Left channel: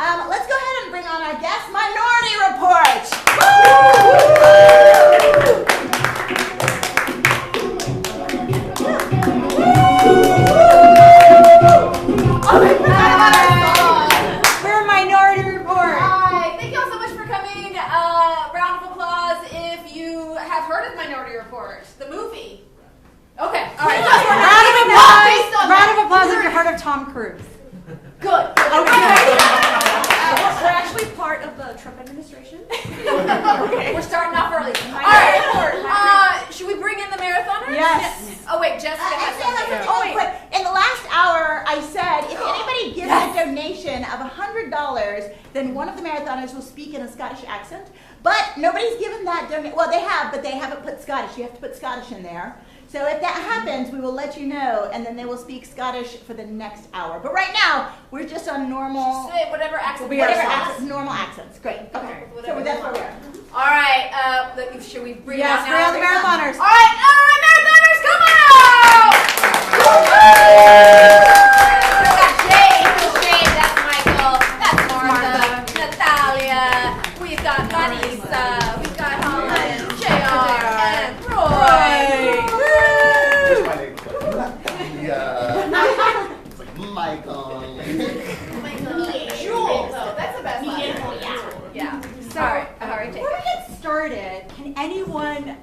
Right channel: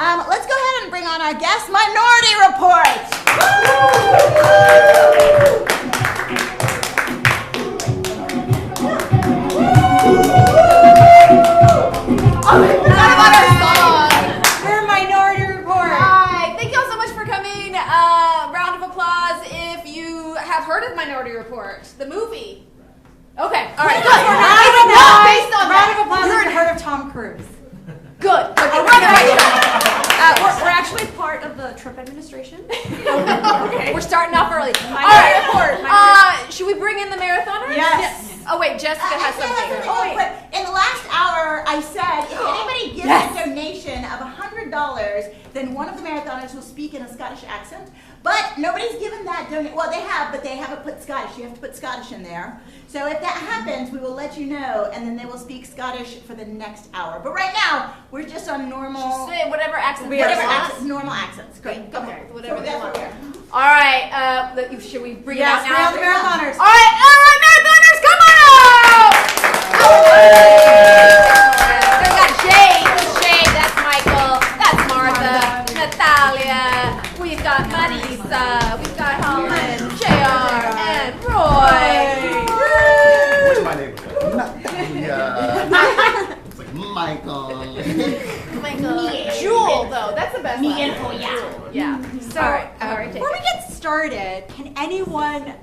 Let's go ahead and bring on our guest minority report. We're Minority Report. Hi, thank y'all so much for coming. Round of applause if you have heard of Minority Report, the movie. Okay, all right. Round of applause if you heard of Tom Cruise. Good. We're actually part of the Trump administration. We're starting off early. All right. Should we bring in the marathoners? Yes. Oh wait, Jessica has something. Oh, wait. In the last hour, I said if anybody gives a donation of $100, then one of the marathoners will speak in a Scottish accent. But nobody's given that donation. Well, they have, but they haven't put Scottish. You have to put Scottish in there. So if that happens, we will let you know, and then they will speak Scottish for the next hour. But right now, we're just on normal. Just say whatever accent. Normal accents. Great. Go ahead. Whatever that's they what want. we're. All right. Should we bring Yes, out bring out the marathoners. All right, marathoners, come on! We got Jay, that's Michael, that's Martha, Natalia. We've got Marisa, we've got Holland, JR, and Roy. What's my name? It's like Michael. Jewel, though, that's the best one. Yeah. So, Sorry, before we get started, can anyone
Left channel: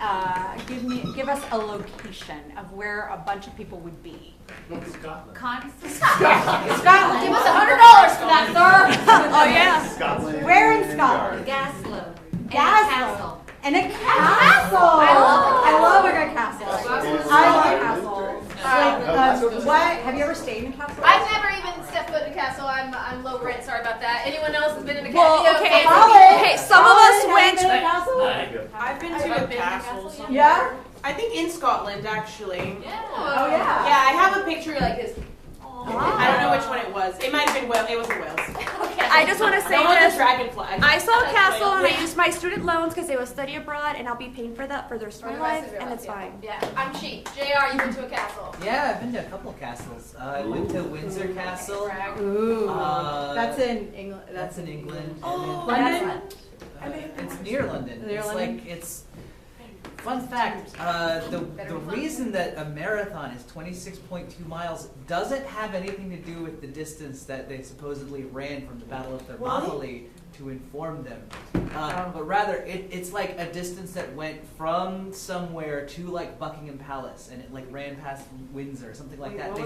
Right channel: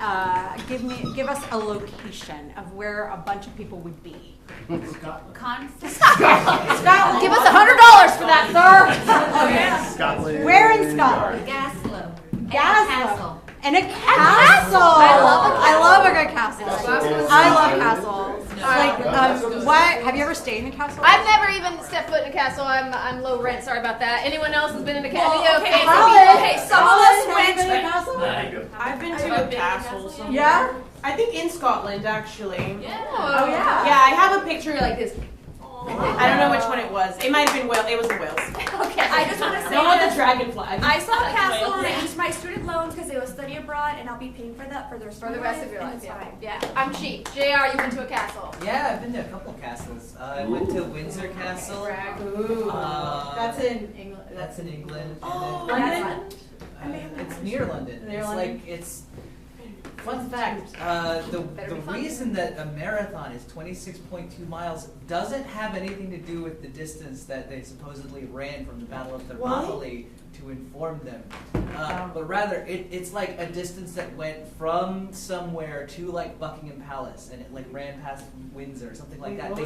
give us a location of where a bunch of people would be? Scotland. Scotland. Give us $100 for that, sir. Oh yeah. Scotland. Where in Scotland? Gaslow. Castle. And a castle. I love a good castle. I love castles. What? Have you ever stayed in a castle? I've never even stepped foot in a castle. I'm low rent. Sorry about that. Anyone else has been in a castle? Well, okay, Some of us went. I've been to a castle somewhere. Yeah? I think in Scotland, actually. Oh yeah. Yeah, I have a picture like this. I don't know which one it was. It might have been Wales. It was in Wales. Okay, I just want to say No, with this. the dragonfly. I saw a castle and I used my student loans because they will study abroad and I'll be paying for that for the rest For of the my rest life, of your and life, it's yeah. fine. Yeah, I'm cheap. JR, you went to a castle. Yeah, I've been to a couple of castles. I went to Windsor Castle. Ooh. That's in England. That's in England. London? It's near London. Near It's London? like it's. Fun fact: the reason that a marathon is 26.2 miles doesn't have anything to do with the distance that they supposedly ran from the Battle of Thermopylae to inform them, but rather it's like a distance that went from somewhere to like Buckingham Palace, and it like ran past Windsor, something like that. You're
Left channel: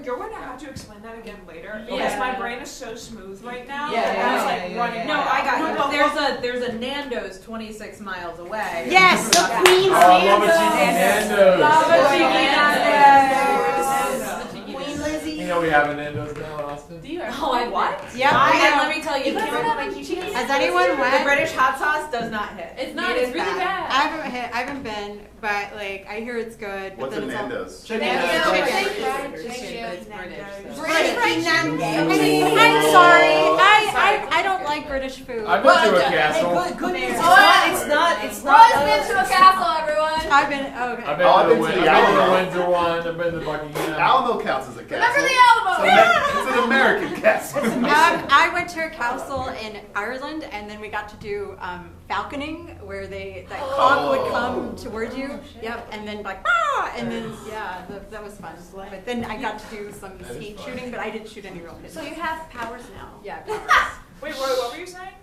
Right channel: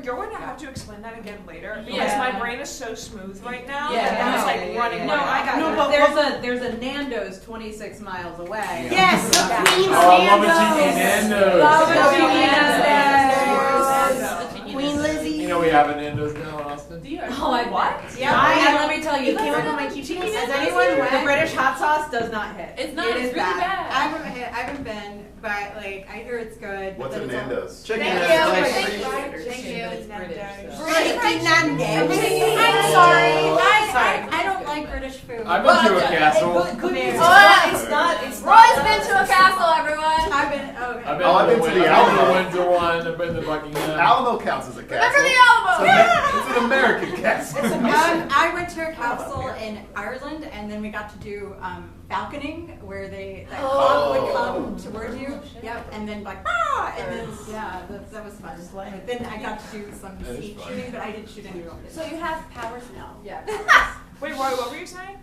going to have to explain that again later because my brain is so smooth right now. Yeah, It's like running. No, I got No, you. but There's a Nando's 26 miles away. Yes, Queen's Nando's. Queen Lizzie. You know we have a Nando's now in Austin? Oh, I What? Yeah, And let me tell you, has anyone went? the British hot sauce does not hit. It's not, It it's is really bad. I haven't been, but like I hear it's good. What's a Nando's? Check Thank it you. out. Thank you. I'm sorry. I don't like British food. I've been to a castle. Good news. It's not. Roy's been to a castle, everyone. I've been okay. I've been to the Windsor one. I've been to Buckingham. Alamo counts as a castle. Remember the Alamo? It's an American castle. I went to a castle in Ireland, and then we got to do falconing, where that hawk would come towards you. Yep, and then like and then that was fun. But then I got to do some skeet shooting, but I didn't shoot any real kids. So you have powers now. Yeah. Wait, what were you saying?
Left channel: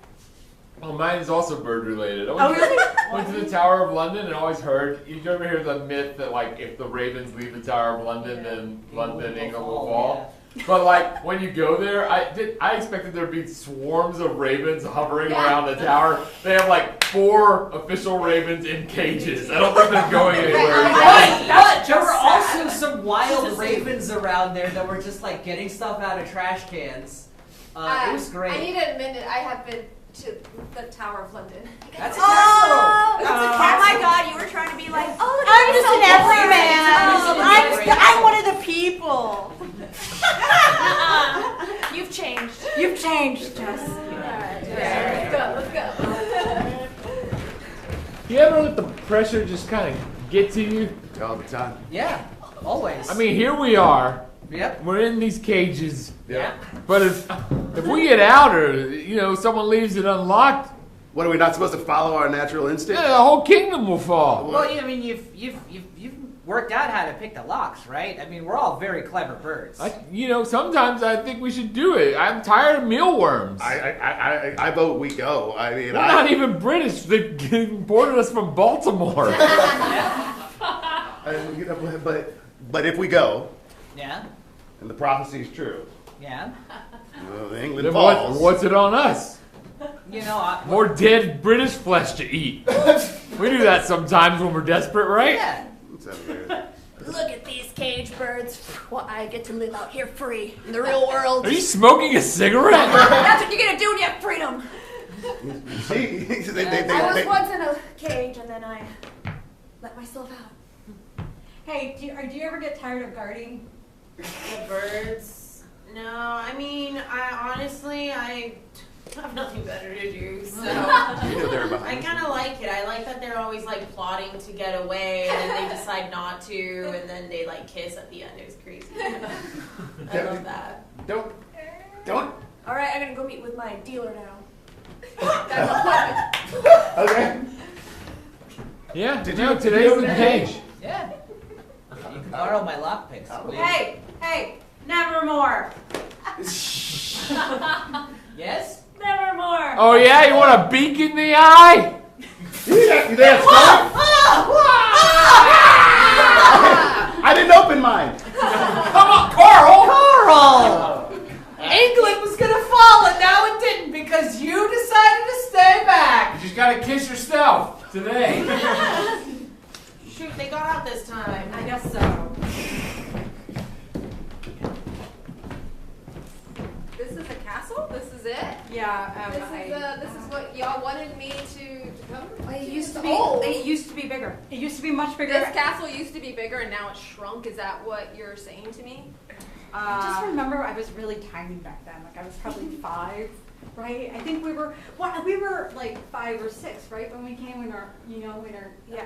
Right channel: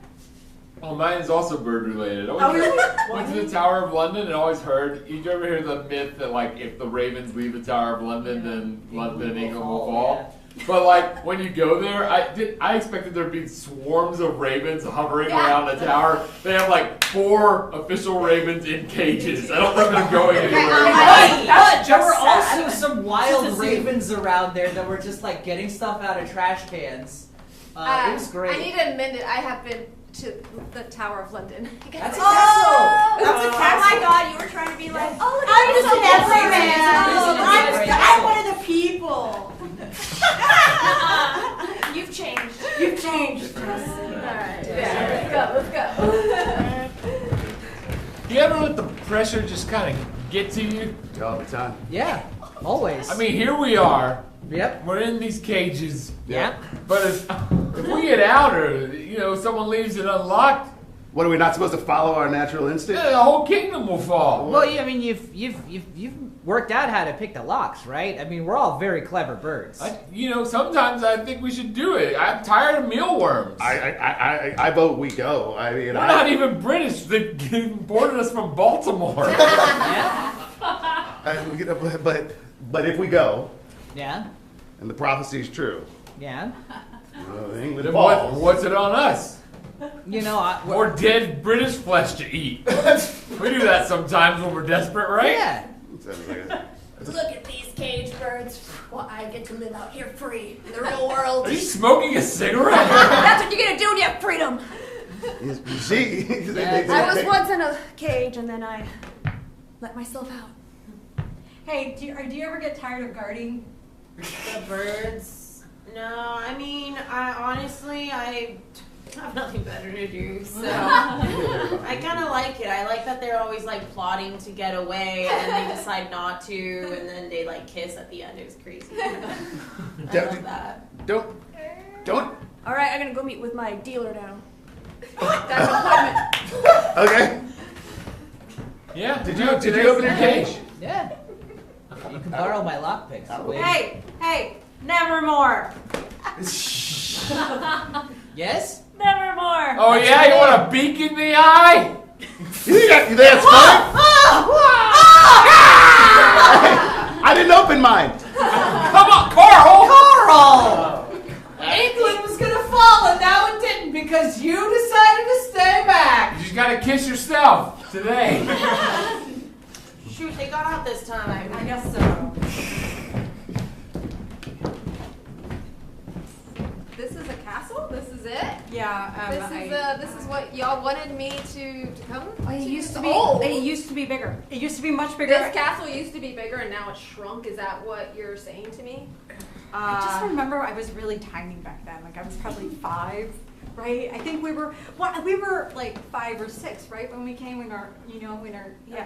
Oh, mine is also bird related. Oh really? Went to the Tower of London and always heard. You ever hear the myth that like if the ravens leave the Tower of London, then London, England will fall. But like when you go there, I expected there to be swarms of ravens hovering around the tower. They have like 4 official ravens in cages. I don't think they're going anywhere. But there were also some wild ravens around there that were just like getting stuff out of trash cans. It was great. I need to admit it. I have been to the Tower of London. That's a Oh, castle. oh my God! You were trying to be like, oh, I'm just an everyman. everyman. I'm one of the people. You've changed. You've changed, Jess. Let's go. You ever let the pressure just kind of get to you? All the time. Yeah, always. I mean, here we are. Yep. We're in these cages. Yeah. But if If we get out or, someone leaves it unlocked, What, are we not supposed to follow our natural instinct? the whole kingdom will fall. Well, you've worked out how to pick the locks, right? I mean, we're all very clever birds. Sometimes I think we should do it. I'm tired of mealworms. I vote we go. I mean, We're not even British. They imported us from Baltimore. but if we go, Yeah? and the prophecy is true, Yeah? England Then falls. what's it on us? We're More dead British flesh to eat. We do that sometimes when we're desperate, right? Yeah. Look at these cage birds. Well, I get to live out here free in the real world. Are you smoking a cigarette? That's what you're gonna do when you have freedom. You see, I was once in a cage and then I let myself out. Hey, do you ever get tired of guarding? The birds? No, I mean, I have nothing better to do, so I kind of like it. I like that they're always like plotting to get away, and then they decide not to, and then they like kiss at the end. It was crazy. I love that. Don't. All right, I'm gonna go meet with my dealer now. That's an appointment. Okay. Yeah. Did you open your cage? Yeah. You can borrow my lockpicks. Hey, nevermore. Yes? Nevermore. Oh yeah, you want a beak in the eye? You that's fun? I didn't open mine. Come on, Carl! England was gonna fall and now it didn't because you decided to stay back. You just gotta kiss yourself today. Shoot, they got out this time. I guess so. This is a castle? This is it? Yeah. This is what y'all wanted me to cover? It used to be. old. It used to be bigger. It used to be much bigger. This castle used to be bigger and now it's shrunk. Is that what you're saying to me? I just remember I was really tiny back then. Like I was probably 5, right? I think we were like 5 or 6, right? When we came in our. Yeah.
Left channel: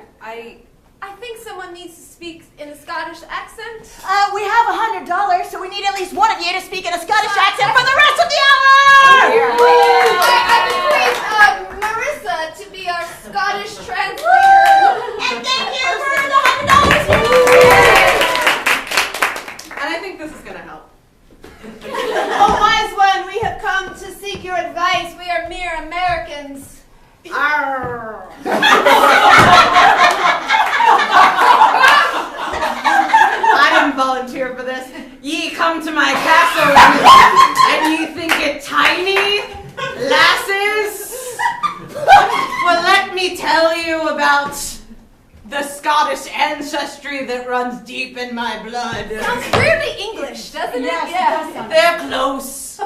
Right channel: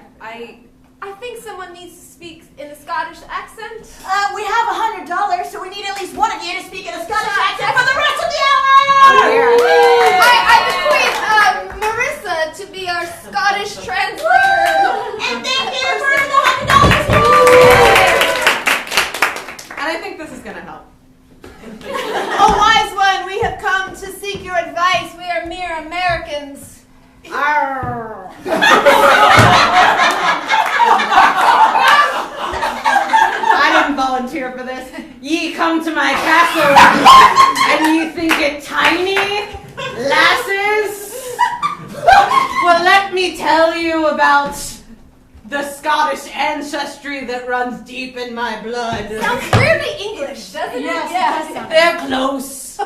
I think someone needs to speak in a Scottish accent. We have $100, so we need at least one of you to speak in a Scottish accent for the rest of the hour! I would Marissa to be our Scottish translator. And thank you for the $100! And I think this is gonna help. Oh, wise one, we have come to seek your advice. We are mere Americans. I didn't volunteer for this. Ye come to my castle and ye think it tiny, lasses? Well, let me tell you about the Scottish ancestry that runs deep in my blood. Sounds weirdly English, doesn't it? Yes. They're close.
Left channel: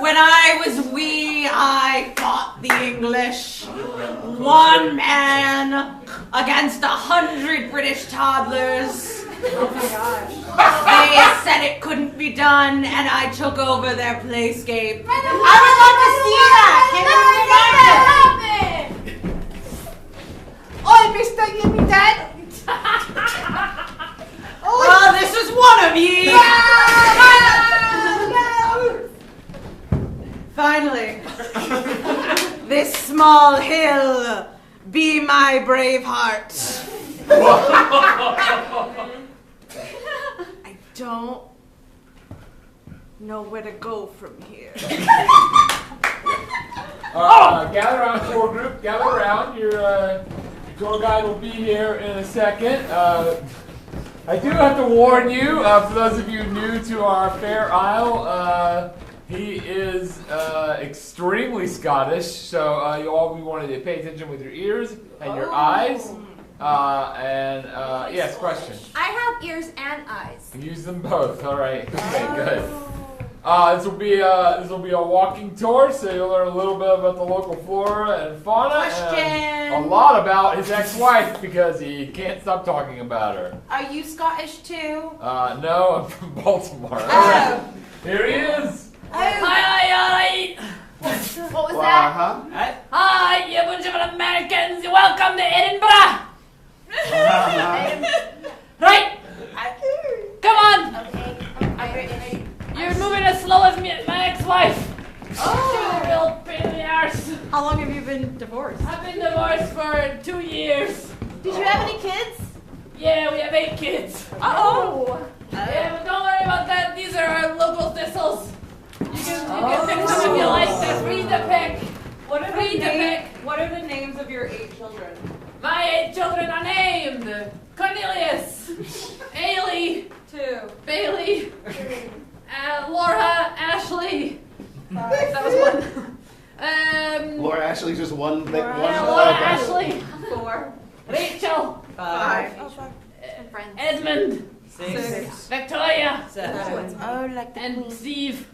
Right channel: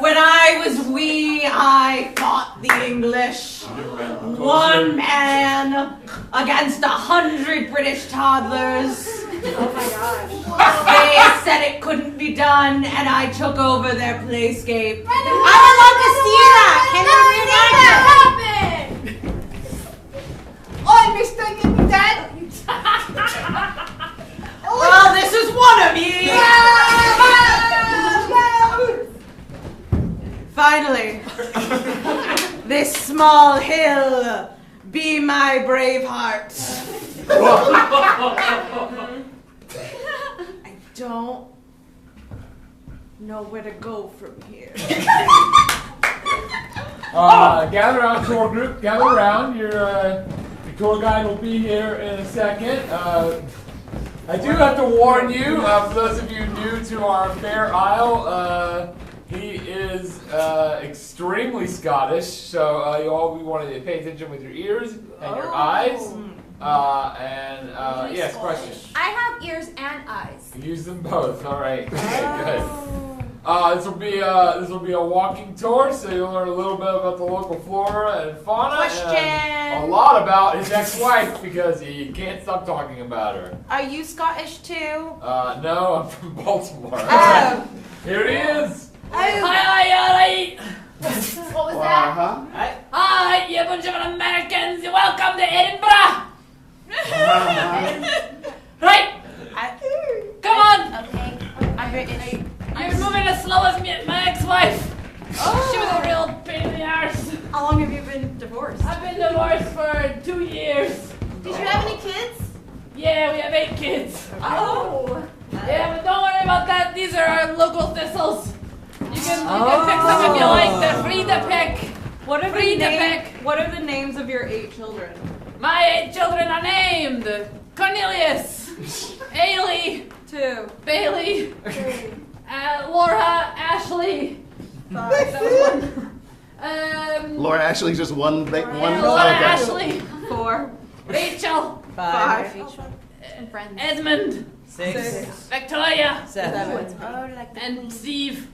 When I was wee, I fought the English. One man against 100 British toddlers. Oh my gosh. They said it couldn't be done, and I took over their playscape. I would love to see that. Can we make that happen? Oh, Mr. Yippee Dad! Oh, this is one of ye! Finally, this small hill be my brave heart. I don't know where to go from here. Gather around, tour group. Gather around. Your tour guide will be here in a second. I do have to warn you, for those of you new to our Fair Isle, he is extremely Scottish, so you all wanted to pay attention with your ears and your eyes. Yes, question. I have ears and eyes. Use them both. All right. Okay, good. This will be a walking tour, so you'll learn a little bit about the local flora and fauna, and a lot about his ex-wife because he can't stop talking about her. Are you Scottish too? No, I'm from Baltimore. Here he is. Hi, alright. What was that? Hi, you bunch of Americans. Welcome to Edinburgh. Right. divorced? I've been divorced for 2 years. Did you have any kids? Yeah, we have 8 kids. Oh. Yeah, but don't worry about that. These are our local thistles. You can pick some if you like. They're free to pick. What are the names of your 8 children? My 8 children are named Cornelius, Ailey, 2. Bailey, Laura, Ashley. That was 1. Laura Ashley's just one. One. Laura, Okay. Ashley, 4. Rachel, 5, And friends. Edmund, 6, Victoria, 7. Oh, like and Steve.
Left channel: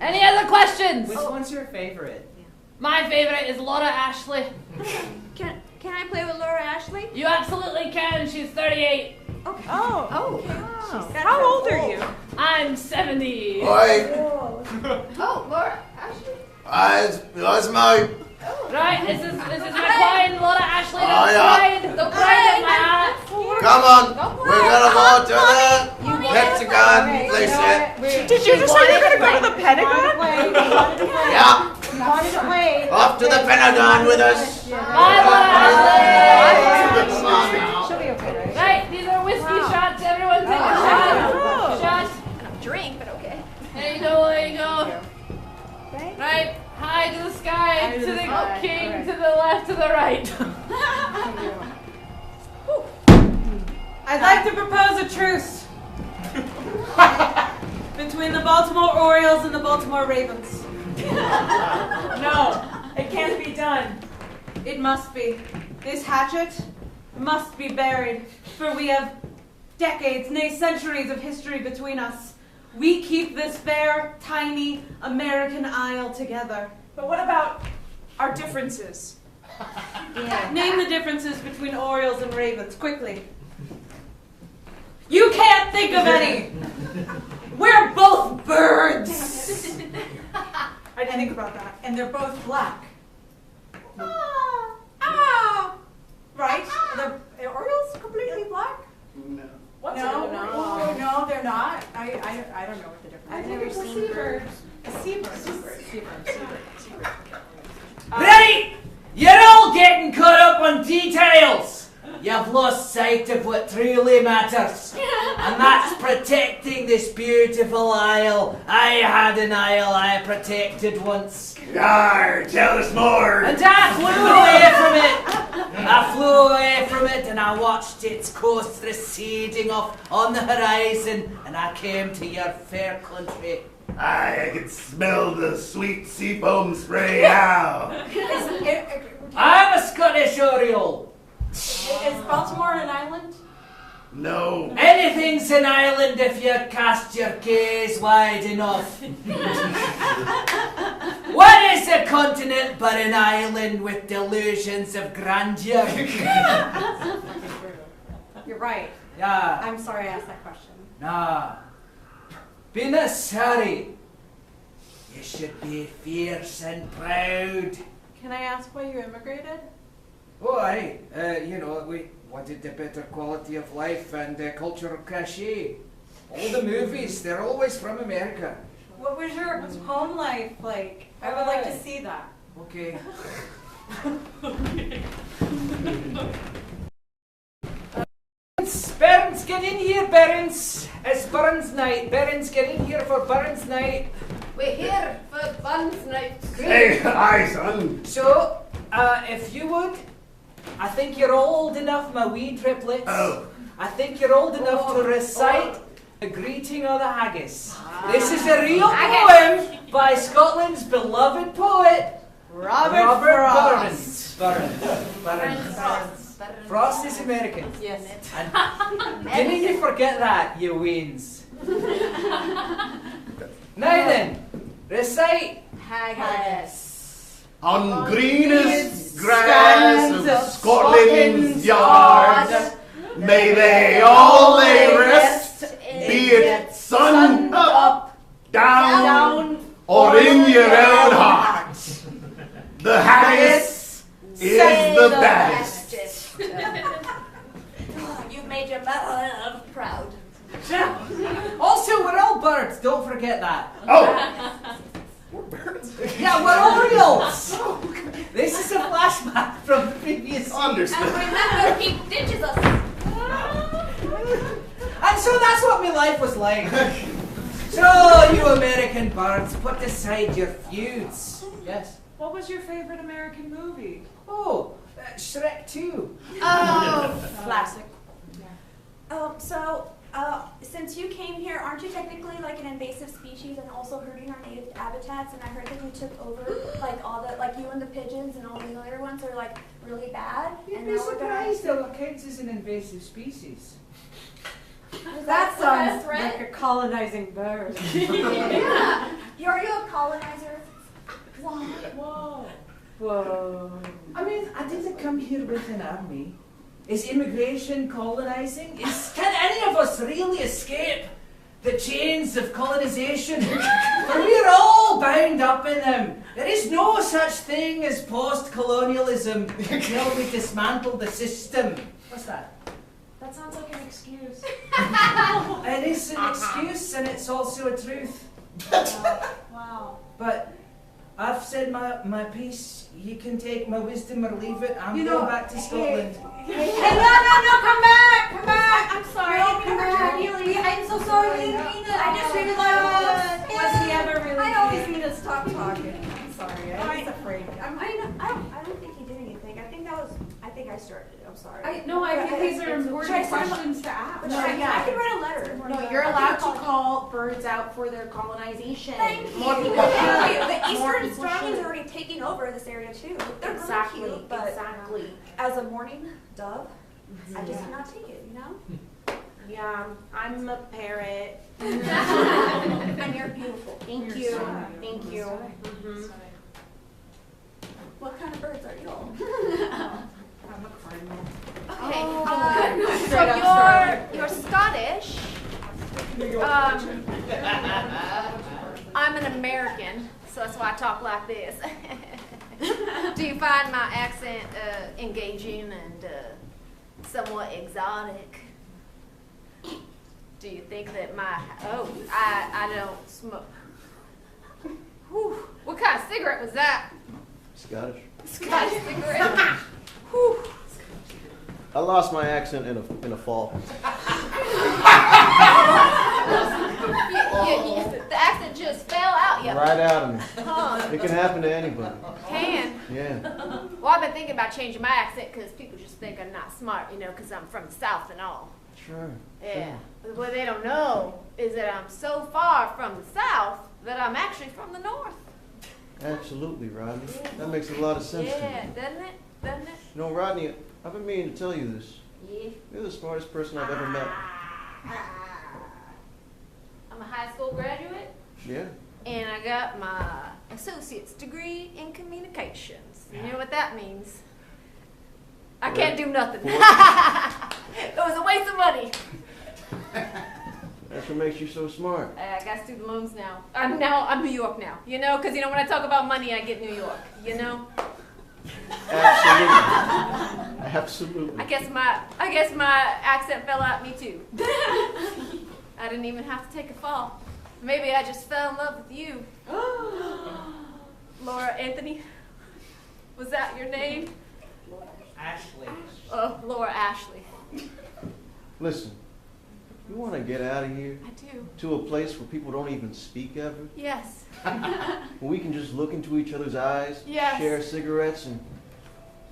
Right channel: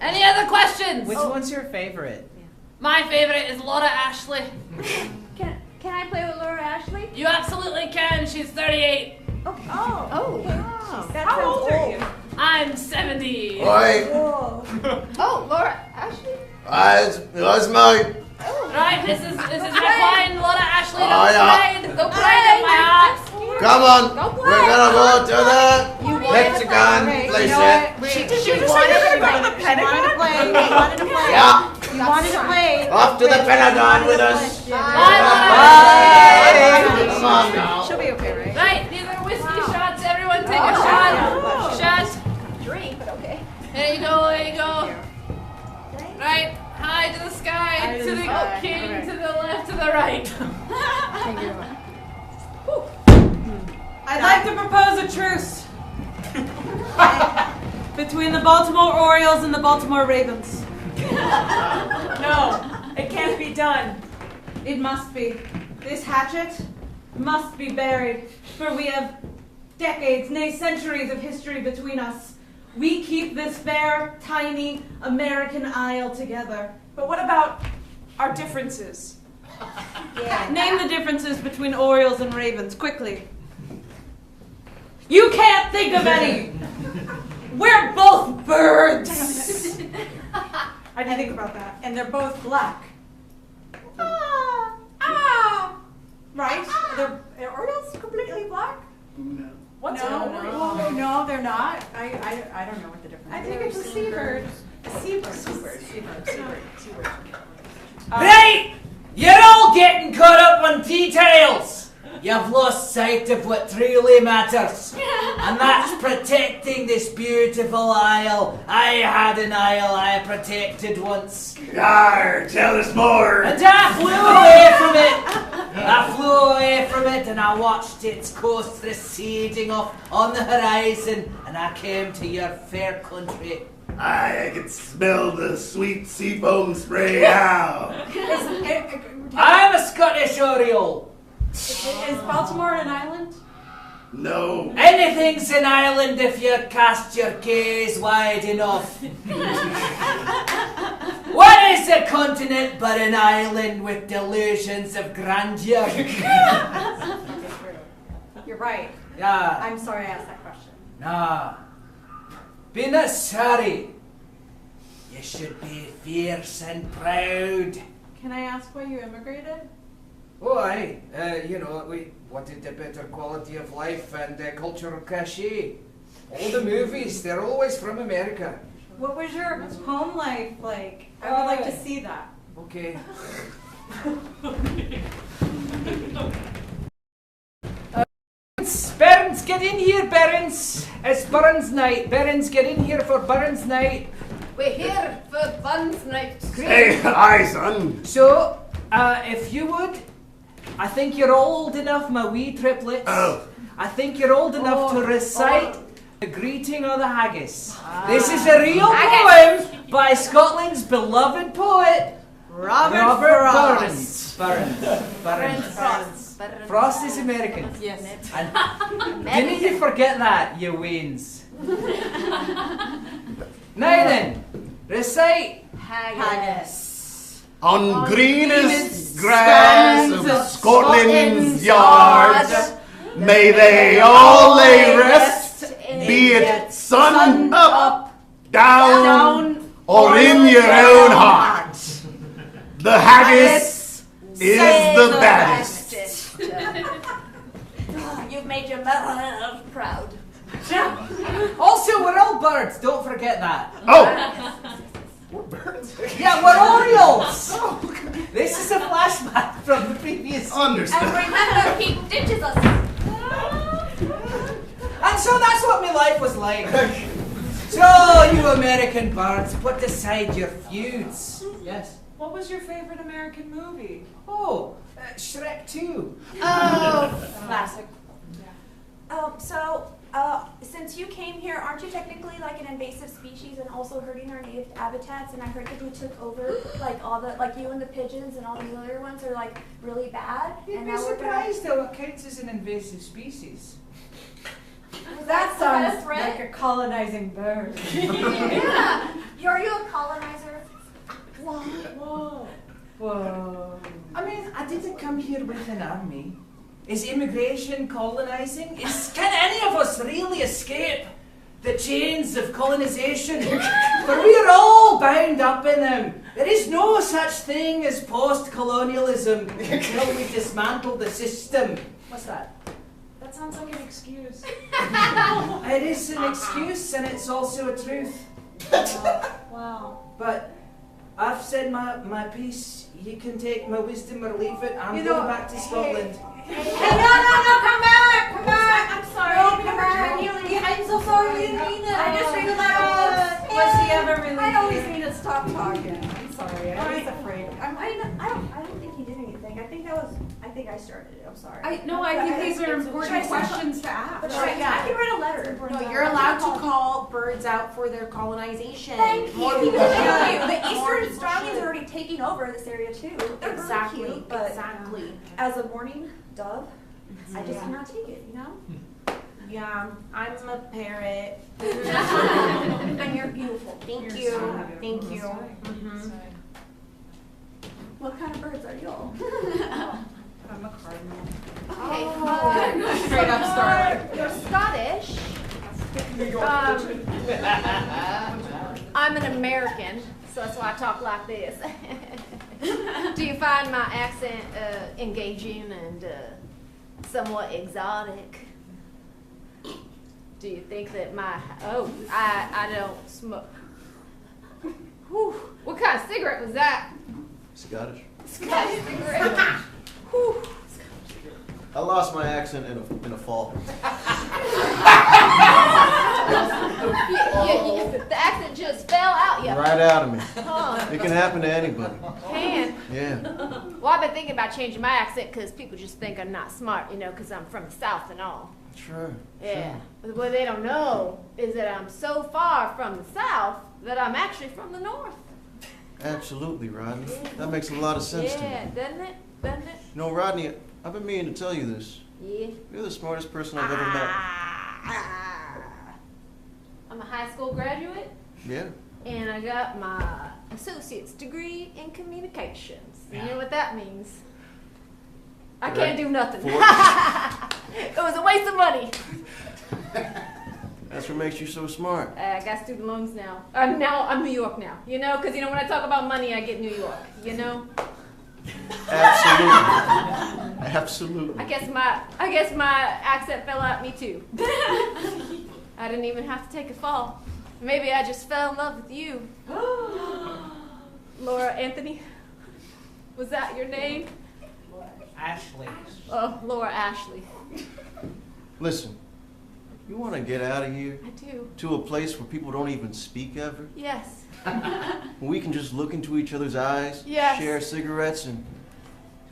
Any other questions? Which one's your favorite? My favorite is Laura Ashley. Can I play with Laura Ashley? You absolutely can. She's 38. Oh. How old are you? I'm 70. Oi, Oh, Laura Ashley? that's my. Right, this is my fine Laura Ashley. Oh, The pride of my heart. Come on, we're gonna go to the hexagon place. Did you just say you're gonna go to the Pentagon? Yeah, You wanted to play. off to the Pentagon with us. Bye, Laura Bye. Come on now. Ashley. She'll be okay, right? Right, these are whiskey shots. Everyone take a shot. Shot. Drink, but okay. There you go, there you go. Right, high to the sky, to the king, to the left, to the right. I'd like to propose a truce between the Baltimore Orioles and the Baltimore Ravens. No, it can't be done. It must be. This hatchet must be buried, for we have decades, nay centuries of history between us. We keep this fair, tiny American isle together. But what about our differences? Name the differences between Orioles and Ravens, quickly. You can't think of any! We're both birds! I didn't think about that. And they're both black. Right? Are Orioles completely black? What's No, it? no, they're not. I don't know what the difference is. I think it's a seabird. Right! You're all getting caught up on details! You've lost sight of what truly matters. And that's protecting this beautiful isle. I had an isle I protected once. Yar, tell us more. And I flew away from it. I flew away from it and I watched its coast receding off on the horizon. And I came to your fair country. I can smell the sweet seafoam spray now. I'm a Scottish Oriole. Is Baltimore an island? No. Anything's an island if you cast your gaze wide enough. What is a continent but an island with delusions of grandeur? You're right. Yeah. I'm sorry I asked that question. Nah. Be not sorry. You should be fierce and proud. Can I ask why you immigrated? Oh, aye. We wanted a better quality of life and cultural cachet. All the movies, they're always from America. What was your home life like? I would like to see that. Okay. Barons, get in here, Barons. It's Burns night. Barons, get in here for Burns night. We're here for Buns Night. Hey, aye, son. So, if you would, I think you're old enough, my wee triplets. Oh. I think you're old enough to recite the greeting of the haggis. This is a real poem by Scotland's beloved poet, Robert Burns. Frost is American. Yes. And you need to forget that, you weans. Now then, recite Haggis. On greenest grass of Scotland's yard, may they all lay rest, be it sun up, down, or in your own heart. The haggis is the baddest. You've made your mother proud. Also, we're all birds, don't forget that. Oh! Yeah, we're Orioles! This is a flashback from the previous scene. Understand. And remember, he ditches us. And so that's what my life was like. So, you American birds, put aside your feuds. Yes. What was your favorite American movie? Oh, Shrek 2. Oh, Classic. Since you came here, aren't you technically like an invasive species and also hurting our native habitats? And I heard that you took over like all the, like you and the pigeons and all the other ones are like really bad. You'd and be now we're gonna- surprised how it counts as an invasive species. That the best sounds threat? like a colonizing bird. Yeah. Are you a colonizer? Whoa. Whoa. I mean, I didn't come here with an army. Is immigration colonizing? Can any of us really escape the chains of colonization? For we are all bound up in them. There is no such thing as post-colonialism until we dismantle the system. What's that? That sounds like an excuse. It is an excuse and it's also a truth. Wow. But I've said my piece. You can take my wisdom or leave it. I'm going back to Scotland. Hey, no, come back. I'm sorry. No, come back. I'm so sorry. We didn't mean it. I just figured that Was he ever really I always big? need to stop talking. I'm sorry. I was afraid. I don't think he did anything. I think I started it. I'm sorry. I think these are important questions to But ask. I can write a letter. No, you're allowed to call birds out for their colonization. Thank More you. people Thank you. should. The More Eastern people starlings should. are already taking over this area too. They're Exactly. really cute, but Exactly. as a morning dove, I just cannot take it. You know. Yeah, I'm a parrot. And you're beautiful. Thank you. Thank you. Mhm. What kind of birds are y'all? I'm a cardinal. Okay. Straight up starter. You're Scottish. I'm an American, so that's why I talk like this. Do you find my accent engaging and somewhat exotic? Do you think that I don't smoke? Whew, what kind of cigarette was that? Scottish. Scottish cigarette. Whew. I lost my accent in a fall. The accent just fell out, yeah. Right out of me. Oh, It can happen to anybody. can. Yeah. Well, I've been thinking about changing my accent because people just think I'm not smart, because I'm from the South and all. Sure. Yeah. But what they don't know is that I'm so far from the South that I'm actually from the North. Absolutely, Rodney. That makes a lot of sense to me. Yeah, doesn't it? Doesn't it? You know, Rodney, I've been meaning to tell you this. Yeah. You're the smartest person I've ever met. I'm a high school graduate, Yeah. and I got my associate's degree in communications. You know what that means? I can't do nothing. It was a waste of money. That's what makes you so smart. I got student loans now. I'm New York now, because when I talk about money, I get New York, Absolutely. Absolutely. I guess my accent fell out of me too. I didn't even have to take a fall. Maybe I just fell in love with you. Laura Anthony? Was that your name? Ashley. Oh, Laura Ashley. Listen, you want to get out of here I do. to a place where people don't even speak ever? Yes. Where we can just look into each other's eyes, Yes. share cigarettes, and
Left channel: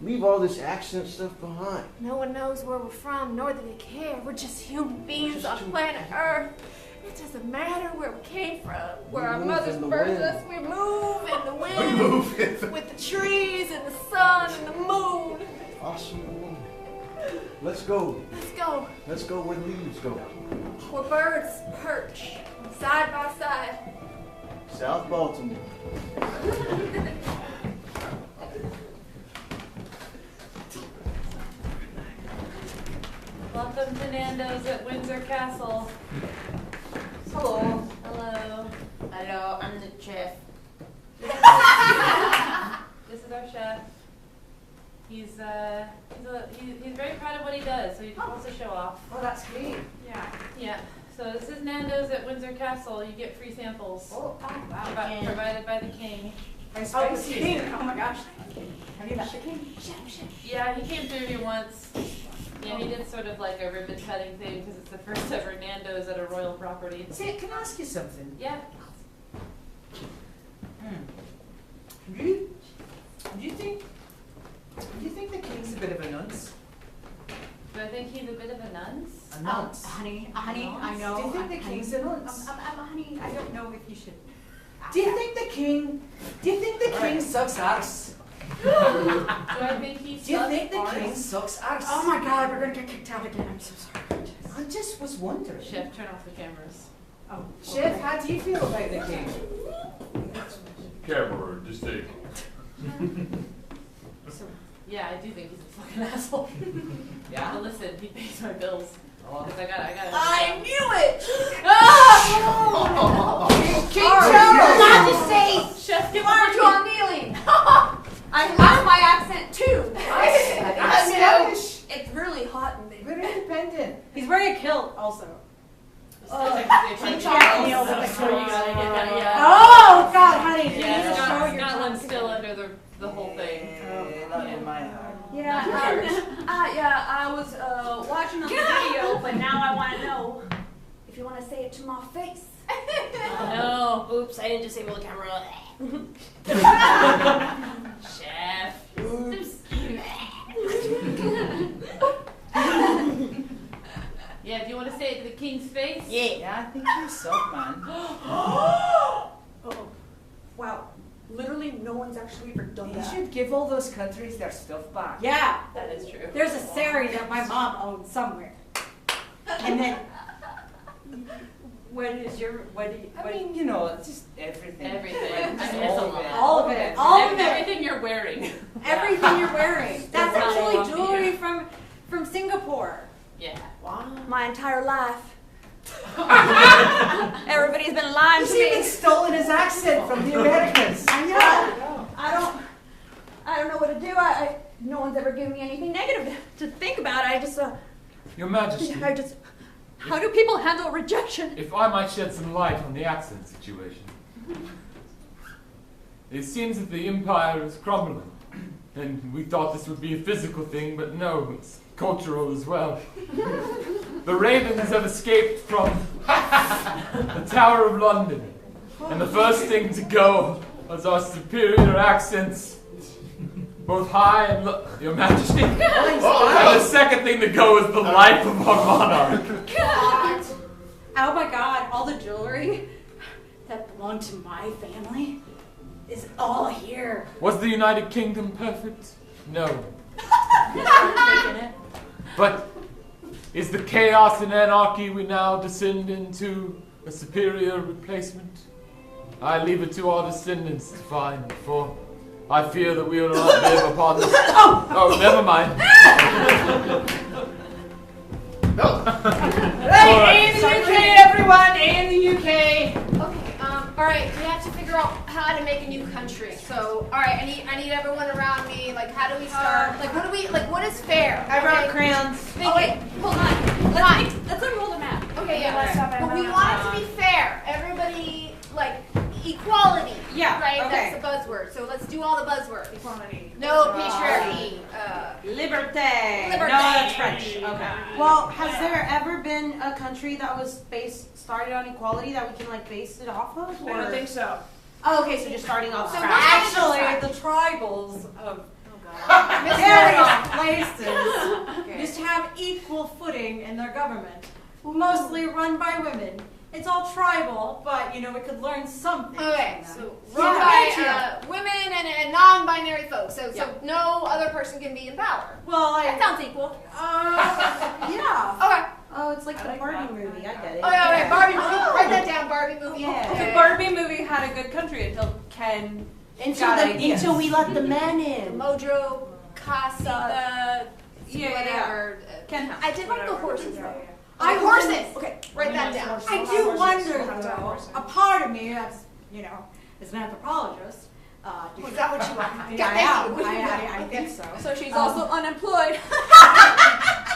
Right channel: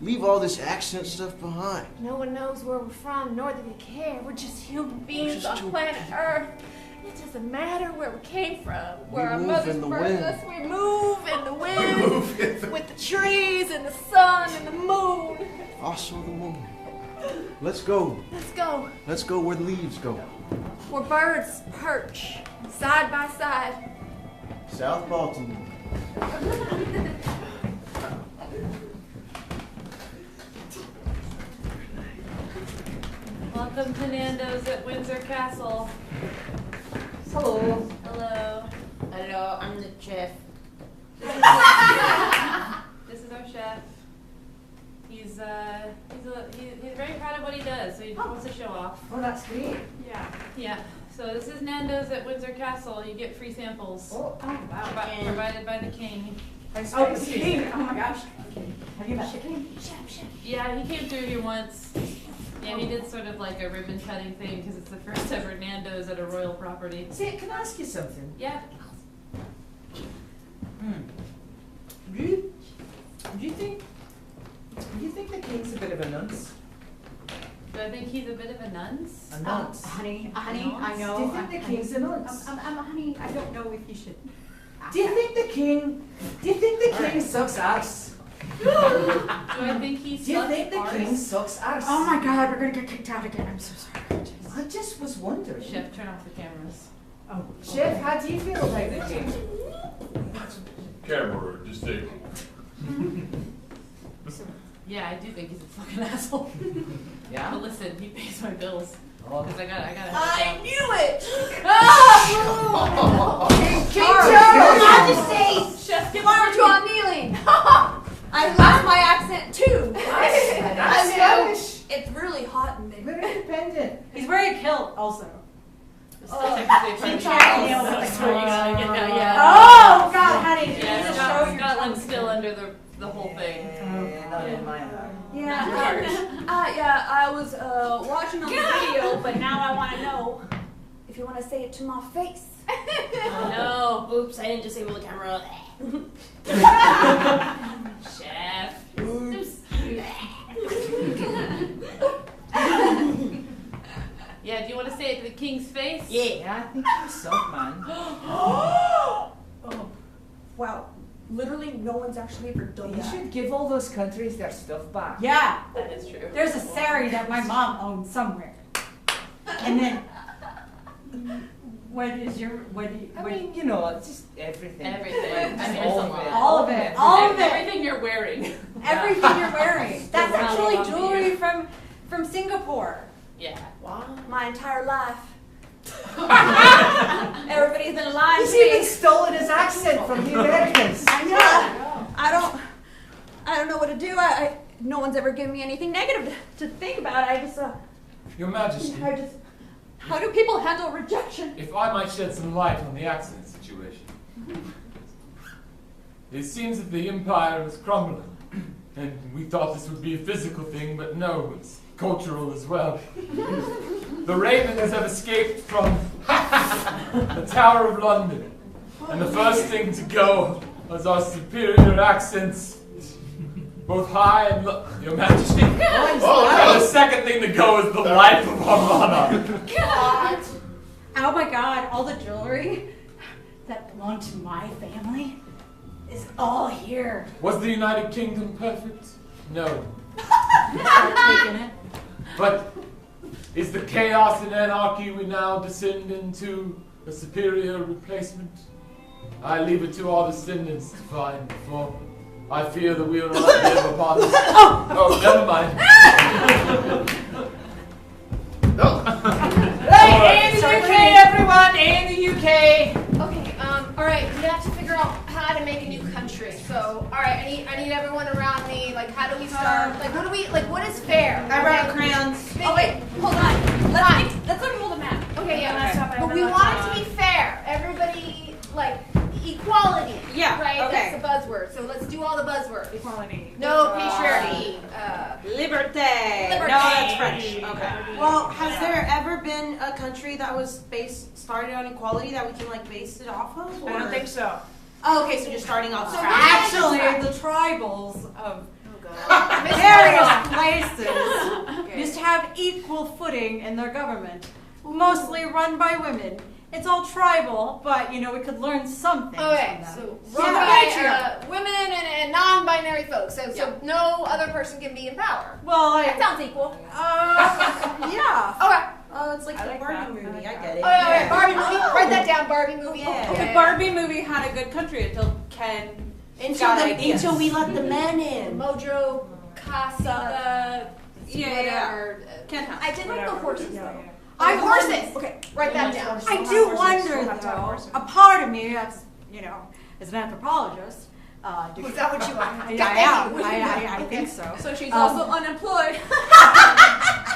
leave all this accent stuff behind. No one knows where we're from, nor do they care. We're just human beings on planet Earth. It doesn't matter where we came from, where our move mothers in the birthed wind. us. We move in the wind, with the trees and the sun and the moon. Also the moon. Let's go. Let's go. Let's go where the leaves go. Where birds perch side by side. South Baltimore. Welcome to Nando's at Windsor Castle. Hello. Hello. Hello, I'm the chef. This is our chef. He's very proud of what he does, so he wants to show off. Oh, that's great. Yeah. So this is Nando's at Windsor Castle. You get free samples. Oh, Provided by the king. King. Oh my gosh. Have you met the king? Yeah, he came through here once. Yeah, he did sort of like a ribbon cutting thing because it's the first ever Nando's at a royal property. See, can I ask you something? Yeah. Do you think the king's a bit of a nunce? Do I think he's a bit of a nunce? A nunce. Honey, I know. Do you think the king's a nunce? Honey, I don't know if you should. Do you think the king sucks arse? Do I think he Do you think the king sucks arse? Oh my god, we're gonna get kicked out again. I'm so sorry. I just was wondering. Chef, turn off the cameras. Oh. Chef, how do you feel about the king? Camera, just take. Yeah, I do think he's a fucking asshole. Yeah. But listen, he pays my bills. Because I gotta. I knew it! King Your Majesty! Chef, Why aren't you all kneeling? I love my accent too. It's really hot in there. We're independent. He's wearing a kilt also. Oh God, honey. Yeah, Scotland's still under the whole thing. Not in my heart. I was watching on the video, but now I want to know if you want to say it to my face. Oh no. Oops, I didn't disable the camera. Chef. Yeah, do you want to say it to the king's face? Yeah, I think you suck, man. Oh, wow. Literally, no one's actually ever done You that. should give all those countries their stuff back. Yeah. That is true. There's a sari that my mom owns somewhere. And then, what is your, what do you, I mean, you know, it's just everything. Everything. Like, I mean, all it's a of lot. it. all of it, all of it, Everything you're wearing. everything you're wearing. That's That's all actually on jewelry from Singapore. Yeah. My entire life. Everybody's been lying He's to me. even stolen his accent from the Americans. I know. I don't know what to do. No one's ever given me anything negative to think about. Your Majesty, How do people handle rejection? if I might shed some light on the accent situation. It seems that the empire is crumbling, and we thought this would be a physical thing, but no, it's cultural as well. The ravens have escaped from the Tower of London, and the first thing to go was our superior accents, both high and low, Your Majesty. And the second thing to go is the life of our monarch. God. Oh my God, all the jewelry that belonged to my family is all here. Was the United Kingdom perfect? No. Taking it. But is the chaos and anarchy we now descend into a superior replacement? I leave it to our descendants to find, for I fear that we will not live upon this. Oh, never mind. Hey, A in the UK, everyone! A in the UK! Okay, alright, we have to figure out how to make a new country. So, alright, I need everyone around me. Like, how do we start? What is fair? I brought crayons. Oh, wait, hold on. Let's unroll the map. Okay, yeah, but we want it to be fair. Everybody, like, equality. Yeah, Right? okay. That's the buzzword. So let's do all the buzzwords. Equality. No patriarchy. Liberté. Liberté. No, that's French. Okay. Well, has there ever been a country that was started on equality that we can like base it off of? I don't think so. Oh, okay, so you're starting off So scratch. Actually, the tribals of various places used to have equal footing in their government, mostly run by women. It's all tribal, but you know we could learn something. Okay, from them. so run by women and non-binary folks. So no other person can be in power. Well, That sounds equal. yeah. Okay. Oh, it's like the Barbie movie. I get it. Oh yeah, Barbie movie. Write that down, Barbie movie. Yeah. The Barbie movie had a good country until Ken Until we let the man in. Mojo, Casa, whatever. Ken, I did like the horses though. I Horses. Okay, write that down. I do wonder though. A part of me, that's as an anthropologist. Is that what you want? I think so. So she's also unemployed.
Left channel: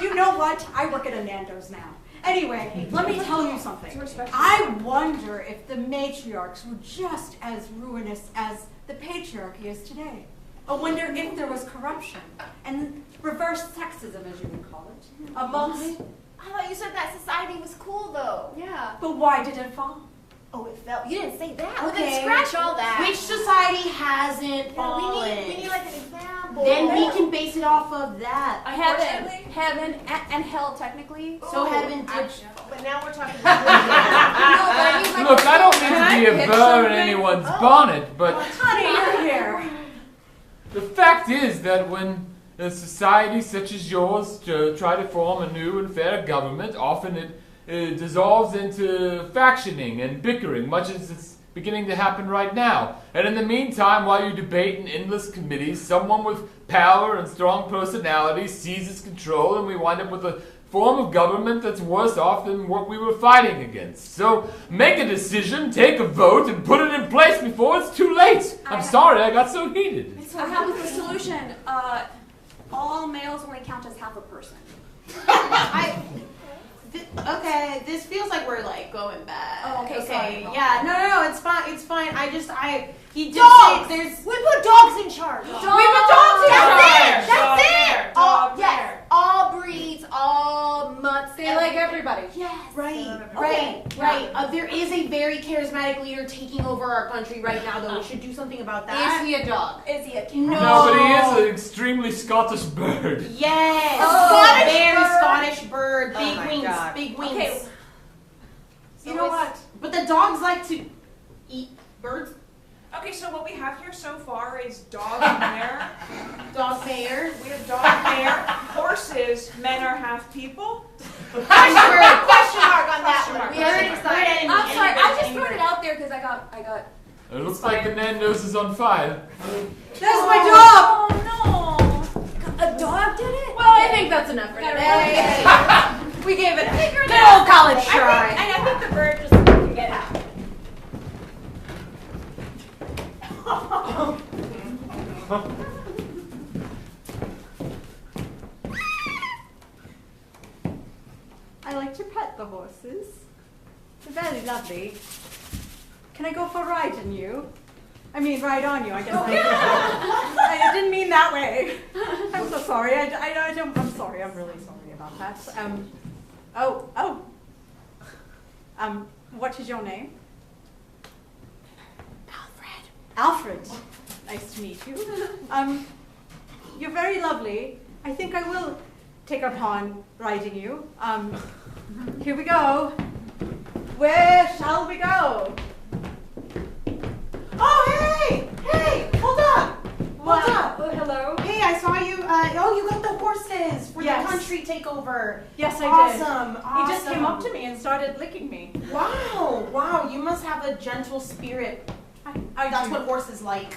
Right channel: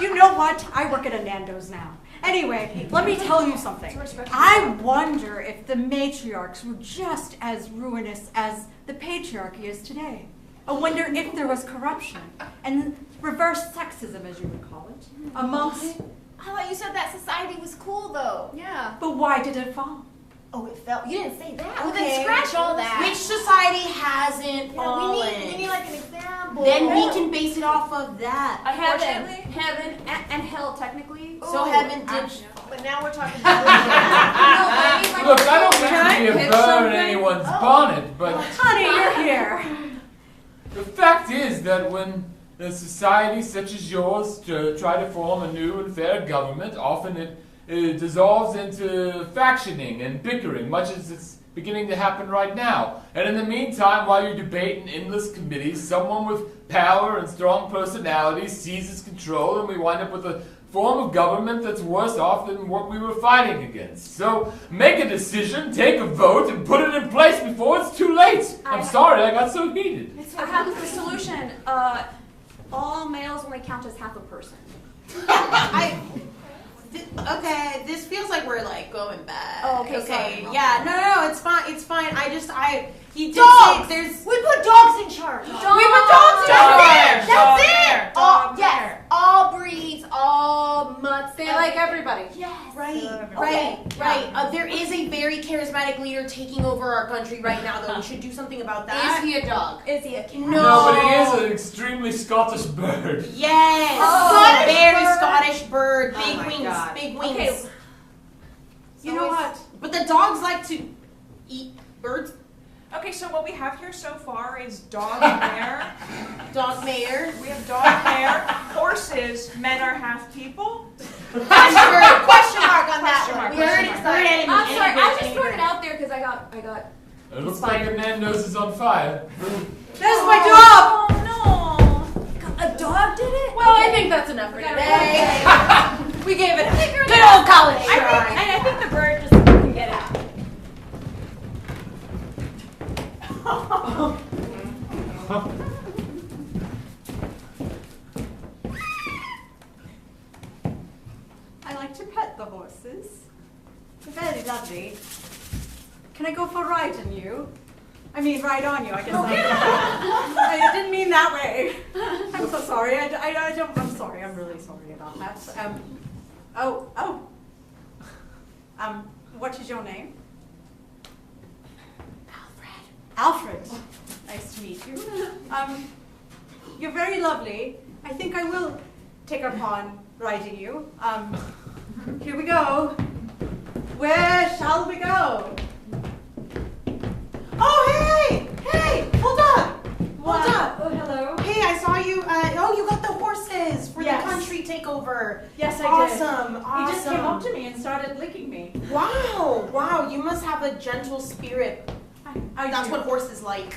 You know what? I work at a Nando's now. Anyway, let me tell you something. I wonder if the matriarchs were just as ruinous as the patriarchy is today. I wonder if there was corruption and reverse sexism, as you would call it, amongst... I thought you said that society was cool, though. Yeah. But why did it fall? Oh, it fell. You didn't say that. Well, Okay. then scratch all that. Which society hasn't Yeah, fallen? we need like an example. Then we can base it off of that. Heaven and hell, technically. So heaven did. But now we're talking about. Look, I don't mean to be a burr in anyone's bonnet, but Honey, you're here. the fact is that when a society such as yours try to form a new and fair government, often it dissolves into factioning and bickering, much as it's beginning to happen right now. And in the meantime, while you debate in endless committees, someone with power and strong personality seizes control, and we wind up with a form of government that's worse off than what we were fighting against. So make a decision, take a vote, and put it in place before it's too late. I'm sorry I got so heated. I have the solution. All males only count as half a person. Okay, this feels like we're like going bad. Oh, okay, sorry. Yeah, no, it's fine. It's fine. He did Dogs! say there's. We put dogs in charge. We put dogs in charge. That's it. All breeds, all mutts. They like everybody. Yes. Right. There is a very charismatic leader taking over our country right now, though. We should do something about that. Is he a dog? Is he a cat? No, but he is an extremely Scottish bird. Yes. Scottish bird. Big wings. Big wings. Okay. You know what? But the dogs like to eat birds. Okay, so what we have here so far is dog mayor. Dog mayor. We have dog mayor. Horses. Men are half people. Question mark on that Question one. mark, We already question decided. I'm sorry, I just threw it out there because I got. It looks like the man nose is on fire. There's my dog! Oh no! A dog did it? Well, I think that's enough for today. We gave it a Good old college try. I think the bird just couldn't get out. I like to pet the horses. They're very lovely. Can I go for a ride on you? I mean, ride on you, I guess. I didn't mean that way. I'm so sorry. I'm sorry. I'm really sorry about that. What is your name? Alfred. Nice to meet you. You're very lovely. I think I will take upon riding you. Here we go. Where shall we go? Oh, hey, hold on. Wow. Hold on. Oh, hello. Hey, I saw you. You got the horses for Yes. the country takeover. Yes, I did. Awesome. He just came up to me and started licking me. Wow. You must have a gentle spirit. That's what horses like.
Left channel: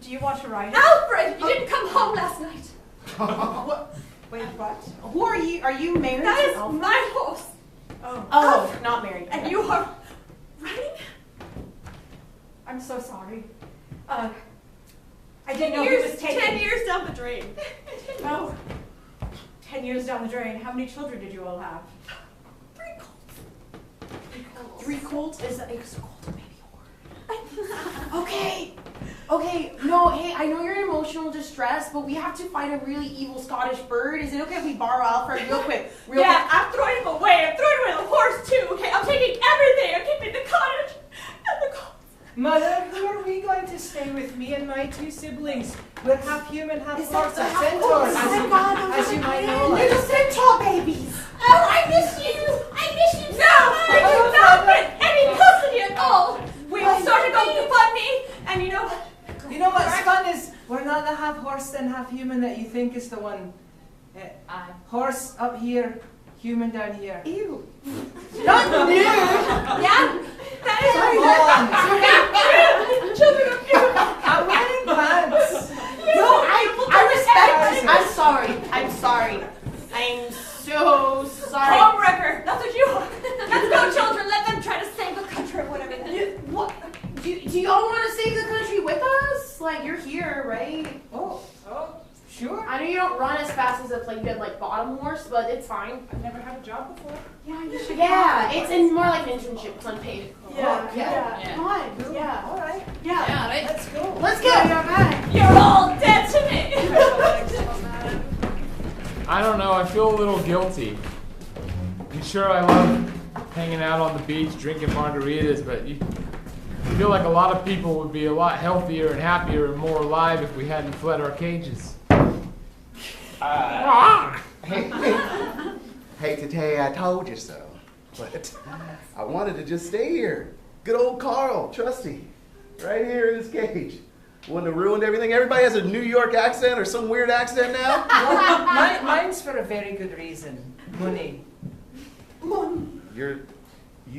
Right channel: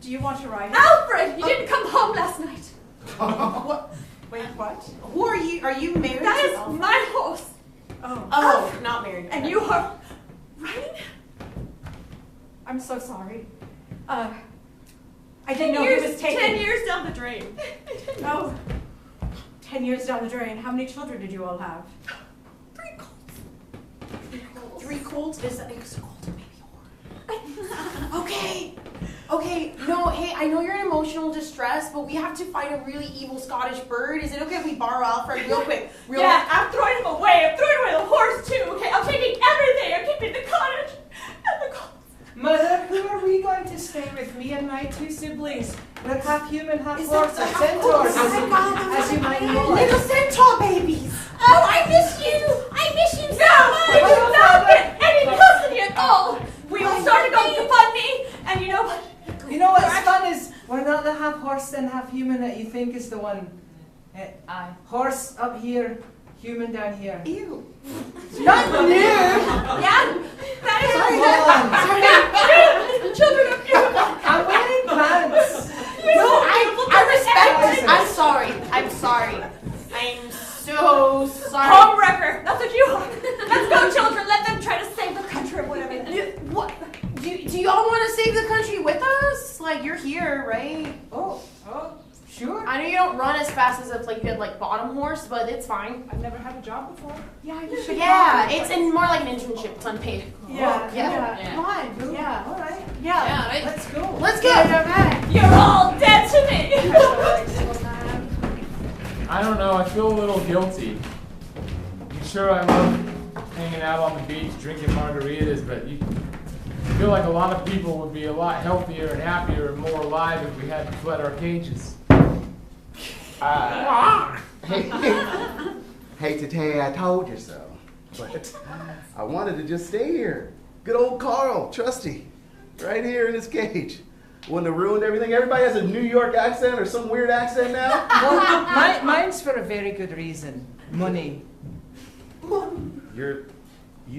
Do you want to ride? Alfred, you didn't come home last night. What? Wait, what? Who are you? Are you married? That to is Alfred? my horse. Oh, not married. And you are riding? I'm so sorry. I didn't know he was taken. 10 years down the drain. Oh, 10 years down the drain. How many children did you all have? 3 colts. 3 colts? Is that a colt, baby horse? Okay. No, hey, I know you're in emotional distress, but we have to find a really evil Scottish bird. Is it okay if we borrow Alfred real quick? Yeah, I'm throwing him away. I'm throwing away the horse too. Okay, I'm taking everything. I'm keeping the cottage and the colts. Mother, who are we going to stay with? Me and my 2 siblings. We're half human, half horse, and centaurs, as you might know. Little centaur babies. Oh, I miss you. I miss you so much. Stop it. Any custody at all. We will start a GoFundMe, and you know what? You know what's fun is we're not the half horse and half human that you think is the one. Horse up here, human down here. Ew. Not new. Yeah, that is Children of human. I'm wearing pants. No, I respect it. I'm sorry. I'm so sorry. Homewrecker. That's what you are. Let's go, children. Let them try to save the country or whatever. What? Do y'all want to save the country with us? Like, you're here, right? Oh, sure. I know you don't run as fast as if like you had like bought bottom horse, but it's fine. I've never had a job before. Yeah, you should. Yeah, it's more like an internship, unpaid. Yeah. Yeah. Why? Yeah. All right. Yeah. right. Let's go. Let's go. You're all dead to me. I don't know, I feel a little guilty. I'm sure I love hanging out on the beach, drinking margaritas, but I feel like a lot of people would be a lot healthier and happier and more alive if we hadn't fled our cages. Hate to tell you I told you so, but I wanted to just stay here. Good old Carl, trusty, right here in his cage. Wouldn't have ruined everything. Everybody has a New York accent or some weird accent now. Well, mine's for a very good reason. Money. You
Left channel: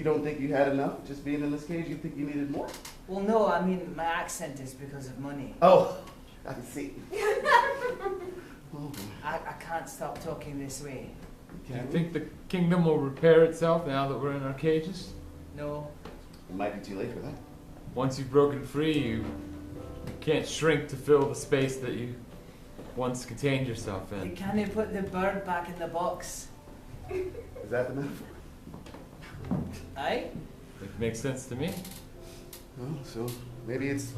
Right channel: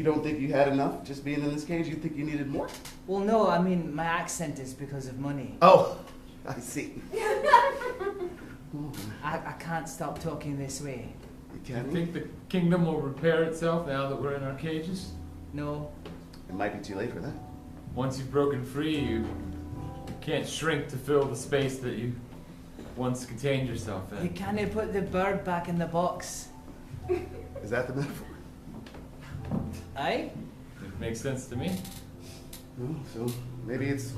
don't think you had enough just being in this cage? You think you needed more? Well, no, I mean, my accent is because of money. Oh, I see. I can't stop talking this way. Do you think the kingdom will repair itself now that we're in our cages? No. It might be too late for that. Once you've broken free, you can't shrink to fill the space that you once contained yourself You in. can't put the bird back in the box. Is that the metaphor? Aye? It makes sense to me. Oh, so maybe it's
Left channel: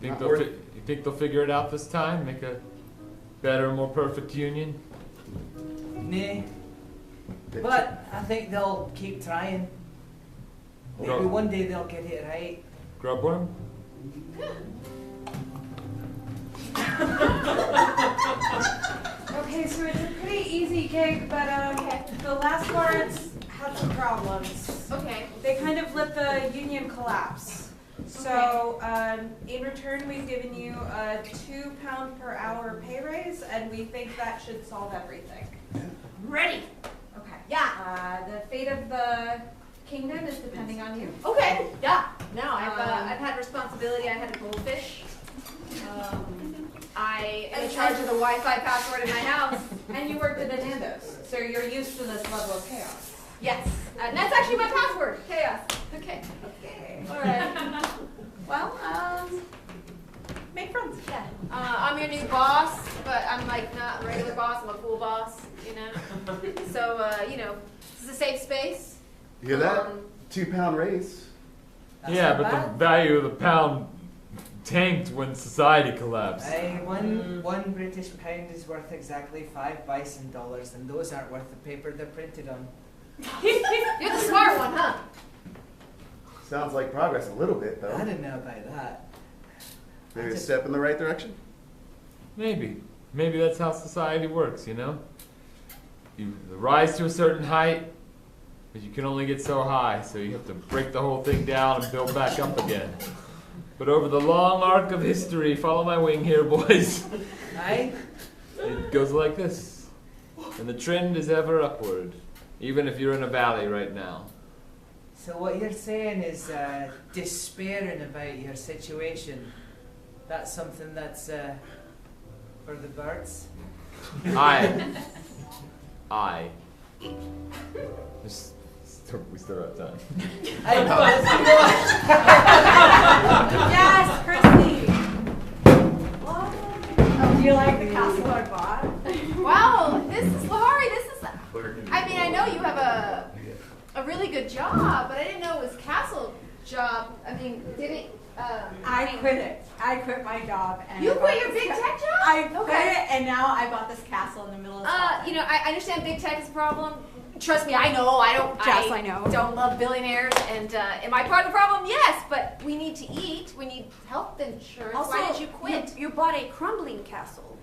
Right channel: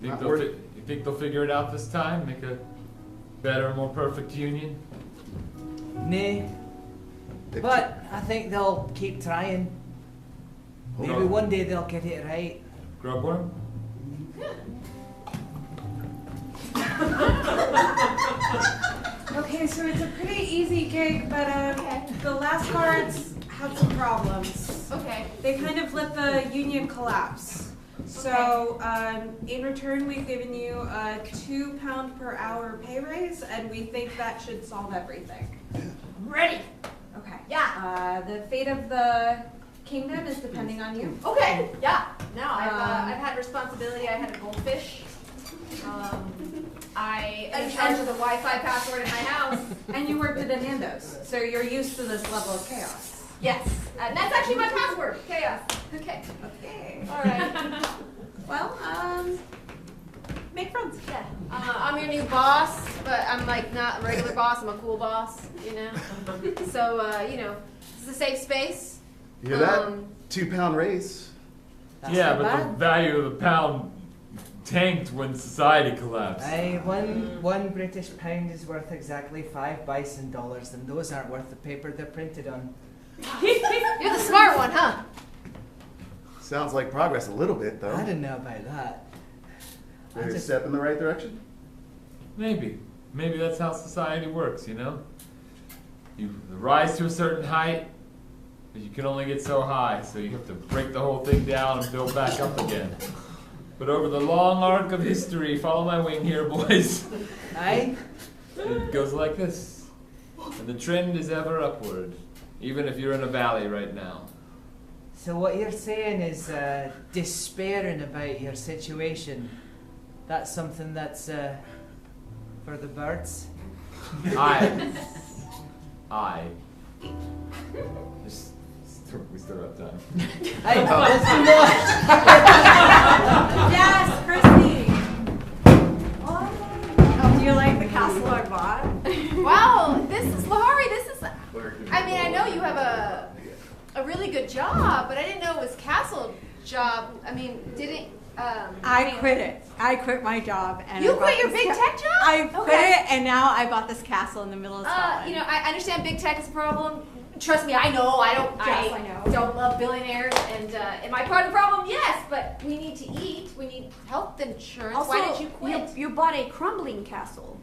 You not worth. you think they'll figure it out this time? Make a better, more perfect union? Nay. But I think they'll keep trying. Maybe No. one day they'll get it right. Grubworm? Okay, so it's a pretty easy gig, but the last guards had some problems. Okay. They kind of let the union collapse. So in return, we've given you a £2 per hour pay raise, and we think that should solve everything. Ready. Okay. Yeah. The fate of the kingdom is depending on you. Okay. Yeah. No, I've had responsibility. I had a goldfish. I am in charge of the Wi-Fi password in my house. And you work with the Nandos, so you're used to this level of chaos. Yes. And that's actually my password. Chaos. Okay. Okay. All right. Well, make friends. Yeah. I'm your new boss, but I'm like not a regular boss. I'm a cool boss, you know. So this is a safe space. You hear that? £2 raise. That's Yeah, not but bad. the value of the pound tanked when society collapsed. Aye, one British pound is worth exactly 5 bison dollars, and those aren't worth the paper they're printed on. You're the smart one, huh? Sounds like progress a little bit, though. I don't know about that. Maybe a just- step in the right direction? Maybe. Maybe that's how society works, you know? You rise to a certain height, but you can only get so high, so you have to break the whole thing down and build back up again. But over the long arc of history, follow my wing here, boys. Aye? It goes like this. And the trend is ever upward, even if you're in a valley right now. So what you're saying is despairing about your situation. That's something that's for the birds? I. We still have time. Aye, let's do more. Yes, Christy. Oh, do you like the castle I bought? Wow, this is Lahari. This is. I mean, I know you have a really good job, but I didn't know it was castle job. I mean, didn't. I quit it. I quit my job and You I bought quit your this big tech job? I quit Okay. it and now I bought this castle in the middle of Scotland. I understand big tech is a problem. Trust me, I know. I know. don't love billionaires, and am I part of the problem? Yes, but we need to eat. We need health insurance. Why did you quit? You bought a crumbling castle.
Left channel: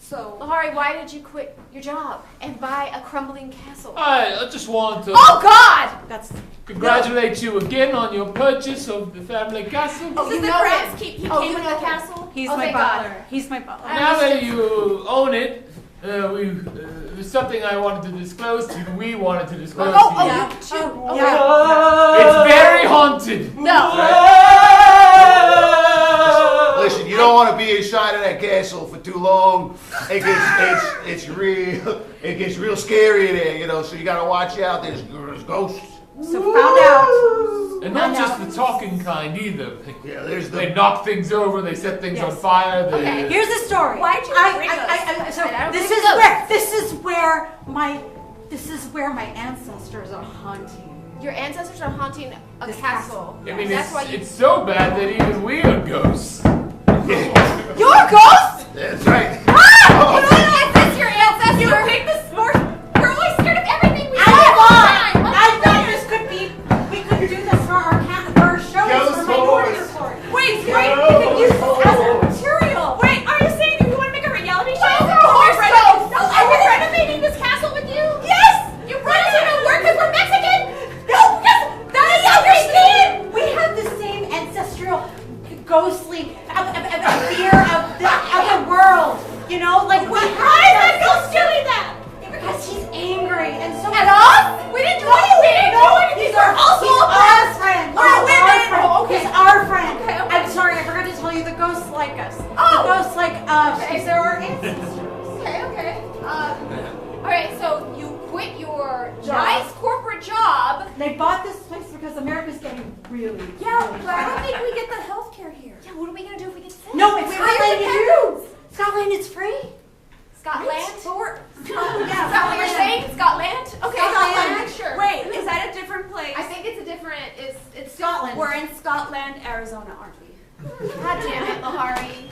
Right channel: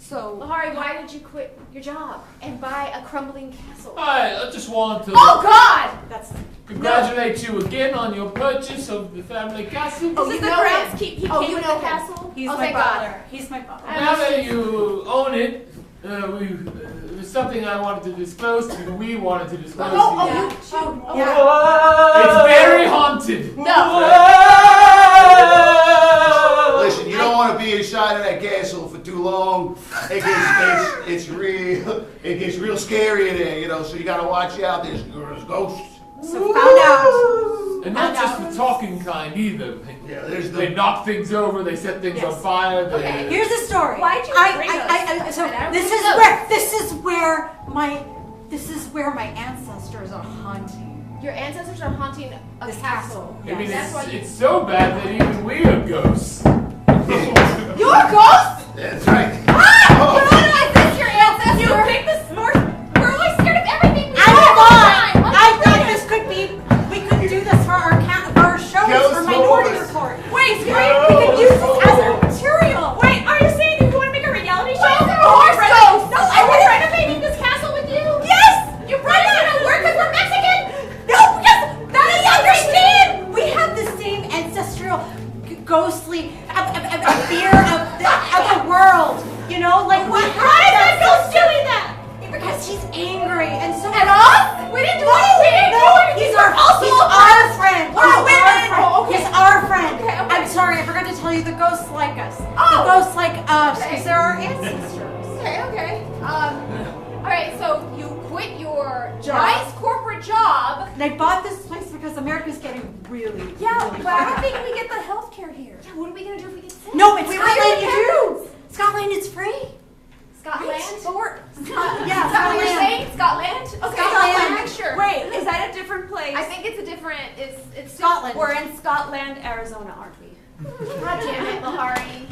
So. Lahari, why did you quit your job and buy a crumbling castle? I just want to Oh God! That's congratulate you again on your purchase of the family castle. Oh, This you is the know grass him. keep. He Oh, came you with know the him. castle. He's Oh, my thank butler. God. He's my butler. Now that you own it, there's something I wanted to disclose to you. We wanted to disclose to you. It's very haunted. Listen, you don't want to be inside of that castle for too long. It gets real scary in there, you know. So you gotta watch out. There's ghosts. So found out. And not just the talking kind either. Yeah, there's They knock things over, they set things on fire. They, Here's the story. Why'd you bring us? So this is where my ancestors are haunting. Your ancestors are haunting a This castle. I mean, That's why you. it's so bad that even we are ghosts. You're a ghost? That's right. Is this your ancestor? You picked the sport. We're always scared of everything. I thought this could be. We could do this for our shows Ghost for Minority Wars. Report. Wait, we could use this as a material. Wait, are you saying that you want to make a reality show? Of course, No, no. I Are we would. renovating this castle with you? Yes. You're right. It's gonna work because we're Mexican. No, because that is understand. We have the same ancestral, ghostly fear of the other world. You know, like what? Why is that ghost doing that? Because she's angry, and so At us? We didn't do anything. He's our friend. We're women. Oh, okay. He's our friend. Okay. I'm sorry, I forgot to tell you, the ghosts like us. The Oh. ghosts like us, Okay. because they're our ancestors. Okay. All right. So you quit your Job. nice corporate job. They bought this place because America's getting really, Yeah, really but I don't bad. think we get the health care here. Yeah. What are we gonna do if we get sick? No, it's We Scotland, were you do. Scotland is free. Scotland. But we're Is that what you're saying? Scotland? Okay. Scotland. Sure. Wait, is that a different place? I think it's a different. It's Scotland. We're in Scotland, Arizona, aren't we? God damn it, Lahari.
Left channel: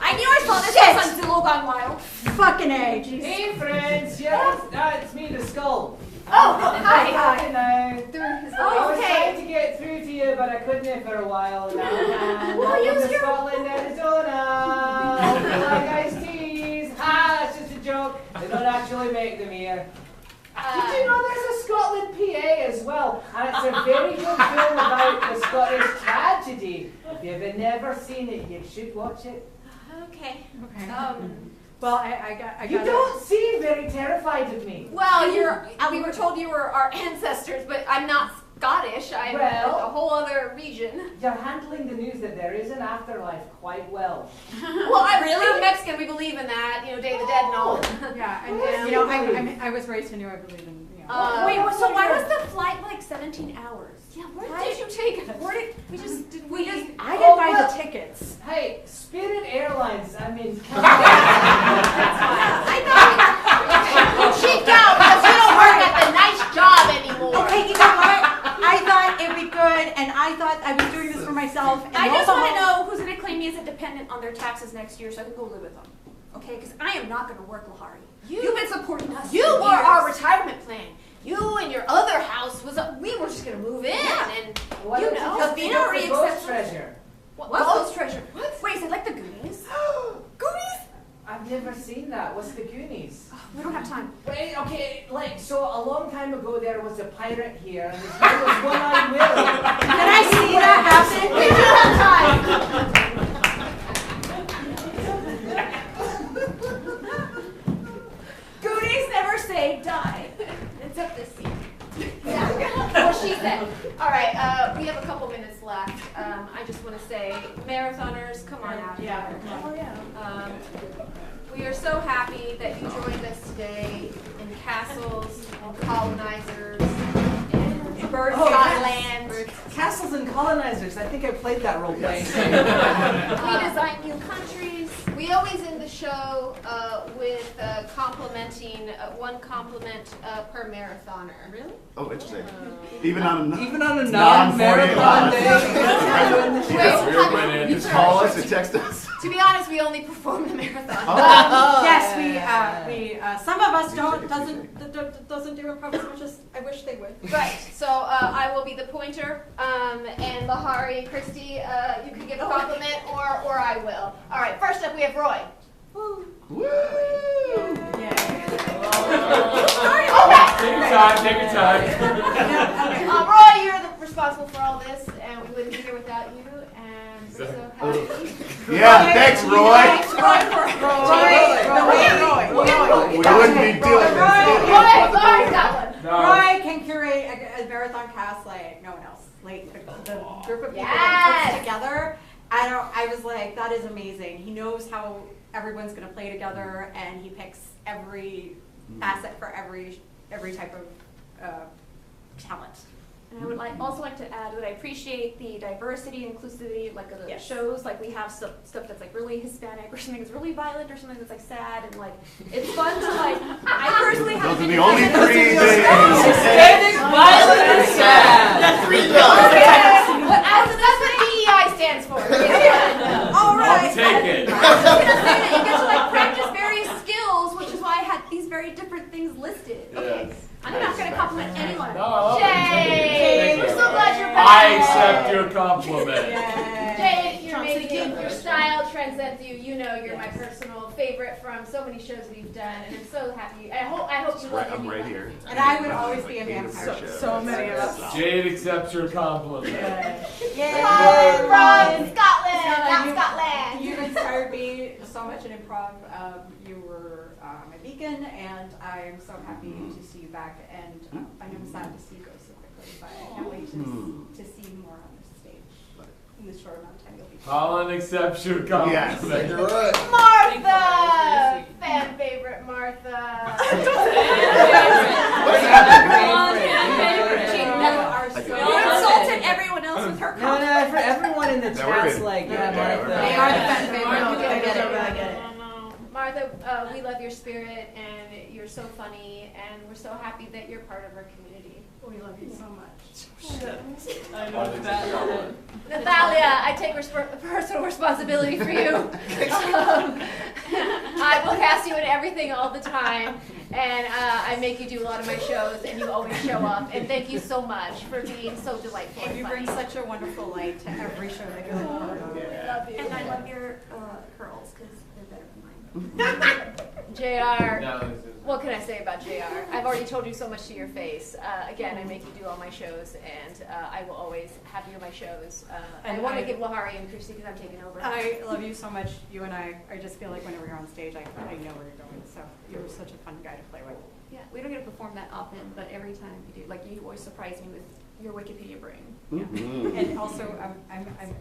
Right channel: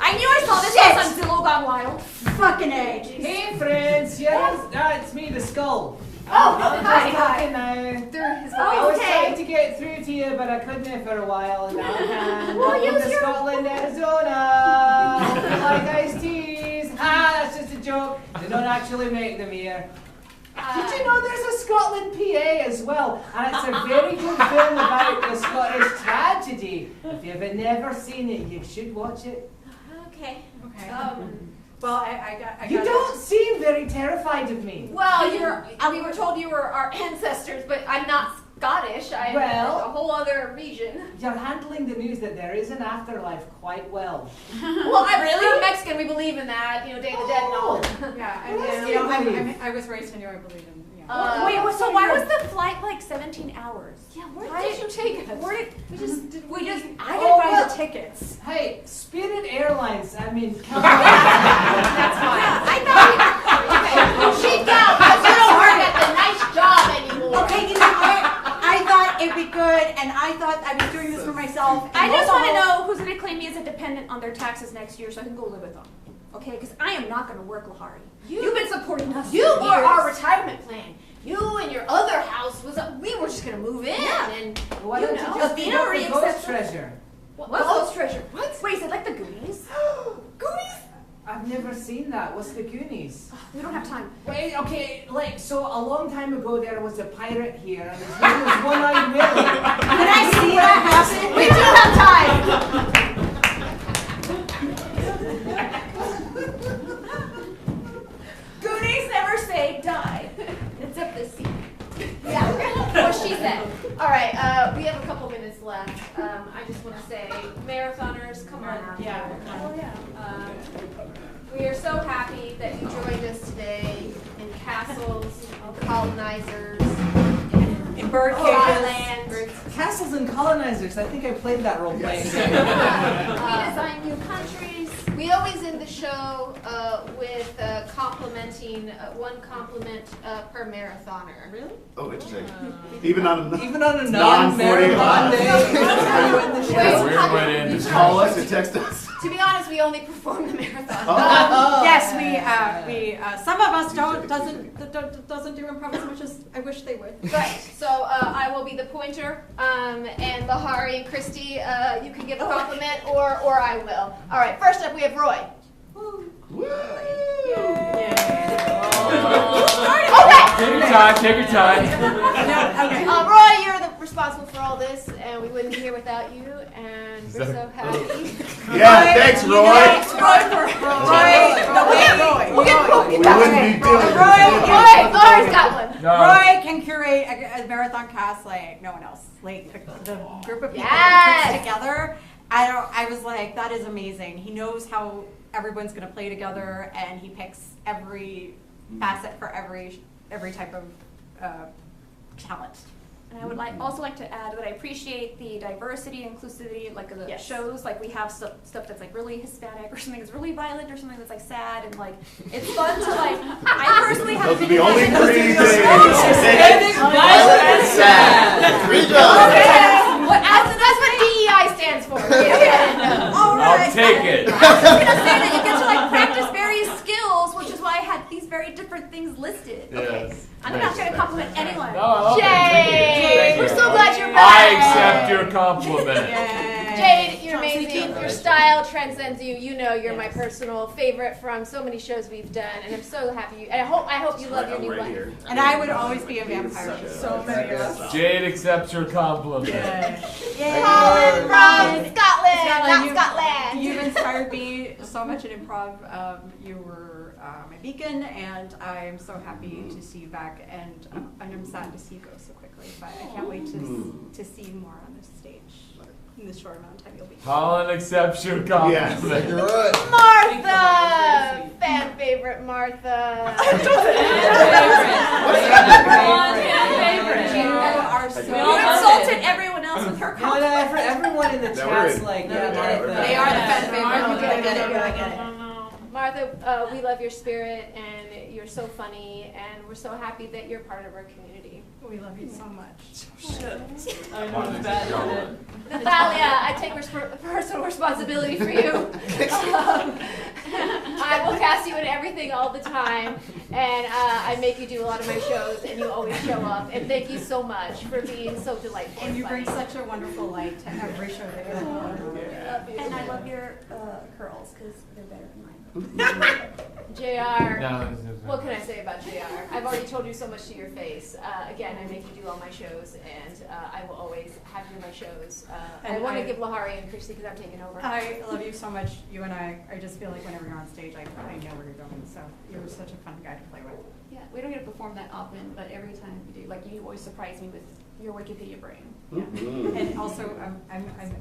I knew I saw this place on Zillow Gone Wild. Fucking A. Jesus. Hey friends, yes, it's me, the skull. Oh, hi. Talking now. Through his I was voice. trying to get through to you, but I couldn't for a while. And Well, I'm use from your- Scotland, Arizona. Like iced teas. Ha, that's just a joke. They don't actually make them here. Did you know there's a Scotland PA as well? And it's a very good film about the Scottish tragedy. If you've never seen it, you should watch it. Okay. Well, I You don't seem very terrified of me. Well, we were told you were our ancestors, but I'm not Scottish. I'm Well- a whole other region. You're handling the news that there is an afterlife quite well. Well, we're Mexican. We believe in that. You know, Day of the Dead and all. Yeah, I was raised in New York, I believe in. Wait, so why was the flight like 17 hours? Yeah, where did you take us? Where did I didn't Oh, buy well. the tickets. Hey, Spirit Airlines, I mean, come on. I thought she'd go because you don't work at the nice job anymore. Okay, you know what? I thought it'd be good, and I thought I was doing this for myself. And I just also- want to know who's going to claim me as a dependent on their taxes next year so I can go live with them. Okay, because I am not going to work, Lahari. You've been supporting us. You for were years. our retirement plan. You and your other house we were just gonna move in and Why you don't know. you just the pick up Amory the ghost accepts- treasure? What's What? Ghost Treasure? What? Wait, is it like the Goonies? Goonies? I've never seen that. What's the Goonies? We don't have time. Wait, okay, like, so a long time ago there was a pirate here, and his name was One-Eyed Willie. Can I see that happen? We do have time. Goonies never say die. Except this scene. Yeah. What she said. All right. We have a couple minutes left. I just want to say, marathoners, come on out. Yeah. Oh yeah. We are so happy that you joined us today in castles, colonizers, In Bird land. Castles and Colonizers, I think I played that role playing. We design new countries. We always end the show with complimenting one compliment per marathoner. Really? Oh, interesting. Even on a Even on a non-marathon non-marathon day. Yeah, we're winning. You call us and text us. To be honest, we only perform the marathon. Yes, we some of us doesn't do improv as much as I wish they would. Right. So I will be the pointer, and Lahari and Christy, you can give a compliment, or I will. All right. First up, we have Roy. Take your time, take your time. Roy, you're responsible for all this, and we wouldn't be here without you. And we're so happy. Yeah, thanks, Roy. Roy. We wouldn't be doing this. Roy's got one. No. Roy can curate a marathon cast like no one else. Like the group of people Yes. he puts together. I was like, that is amazing. He knows how everyone's gonna play together, and he picks every facet for every type of talent. And I would also like to add that I appreciate the diversity, inclusivity, like of the shows. Like we have stuff that's like really Hispanic, or something that's really violent, or something that's like sad, and like it's fun to like. I personally have Those are the only three things. Hispanic, violent, and sad. That's what DEI stands for. All right. I'll take it. I was gonna say that you get to like practice various skills, which is why I had these very different things listed. Yes. I'm not going to compliment anyone. No, Jade, we're so glad you're I back. accept your compliment. Jade, you're amazing. Your style transcends you. You know you're my personal favorite from so many shows we've done, and I'm so happy. I hope you love your new life. And I would always be a vampire. So many of us. Jade accepts your compliment. Colin from Scotland, not Scotland. You've inspired me so much in improv. You were my beacon, and I am so happy to see you back. And I'm sad to see you go so quickly, but I can't wait to see you more on this stage in this short amount of time you'll be. Colin accepts your compliment. Yes, you're right. Martha, fan favorite Martha. You insulted everyone else with her No, compliment. everyone in the chat's like, Martha. They are the fan favorite. I get it. Martha, we love your spirit, and you're so funny, and we're so happy that you're part of our community. We love you so much. Natalia, I take personal responsibility for you. I will cast you in everything all the time, and I make you do a lot of my shows, and you always show up. And thank you so much for being so delightful. And you bring such a wonderful light to every show that you're a part of. We love you. And I love your curls, because they're better than mine. JR, what can I say about JR? I've already told you so much to your face. Again, I make you do all my shows, and I will always have you in my shows. I want to give Lahari and Christy because I'm taking over. I love you so much. You and I just feel like whenever you're on stage, I know where you're going. So you're such a fun guy to play with. Yeah, we don't get to perform that often, but every time you do, like you always surprise me with your Wikipedia brain. Yeah. And also,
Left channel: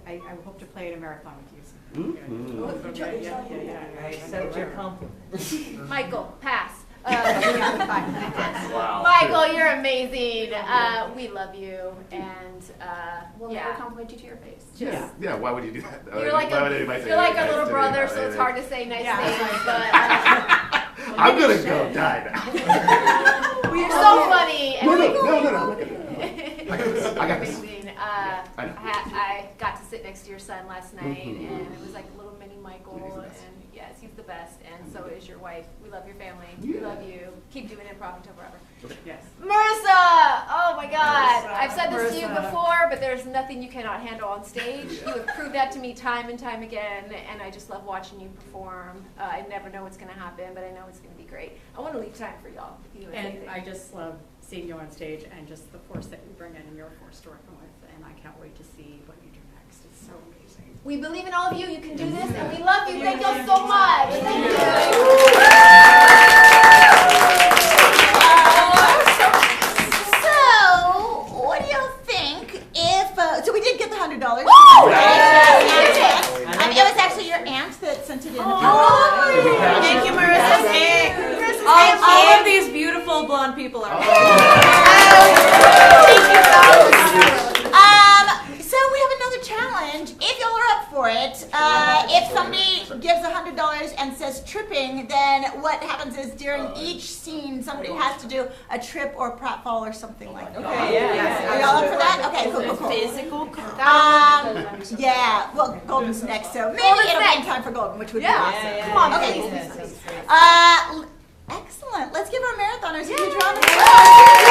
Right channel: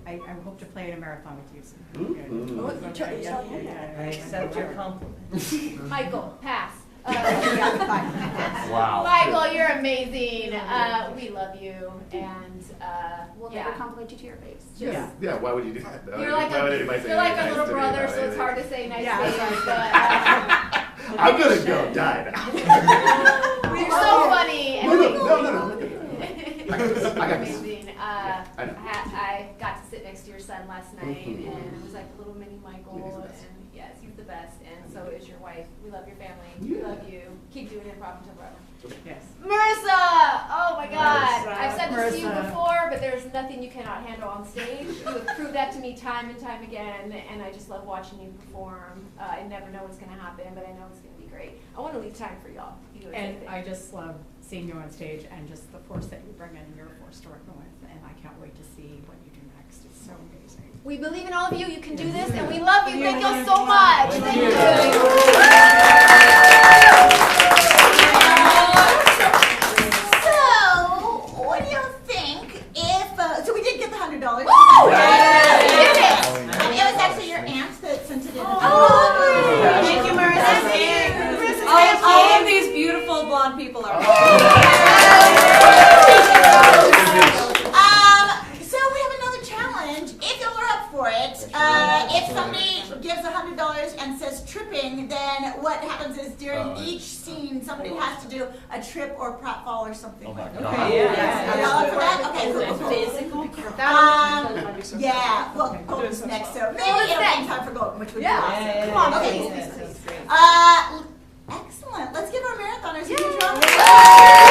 I hope to play in a marathon with you soon. I accept your compliment. Michael, pass. Wow. Michael, you're amazing. We love you, and We'll never compliment you to your face. Yeah, why would you do that? You're like a little brother, so it's hard to say nice things. But I'm gonna go die now. you're so funny. No. I got amazing. I got to sit next to your son last night, and it was like a little mini Michael. And yes, he's the best, and so is your wife. We love your family. We love you. Keep doing improv until forever. Yes. Marissa! Oh my God! I've said this to you Marissa. before, but there's nothing you cannot handle on stage. You have proved that to me time and time again, and I just love watching you perform. I never know what's going to happen, but I know it's going to be great. I want to leave time for y'all. And I just love seeing you on stage and just the force that you bring in, and you're a force to reckon with. And I can't wait to see what you do next. It's so amazing. We believe in all of you. You can do this, and we love you. Thank you so much. Thank you. What do you think if, so we did get the $100. It was actually your aunt that sent it in. Thank you, Marissa. All of these beautiful blonde people are. So we have another challenge. If y'all are up for it, if somebody gives $100 and says tripping, then what happens is during each scene, somebody has to do a trip or pratfall or something like that. Okay? Are y'all up for that? Okay, cool. Physical. Yeah. Well, Golden's next, so maybe it'll be in time for Golden, which would be awesome. Come on, okay. Excellent. Let's give our marathoners a huge round of applause.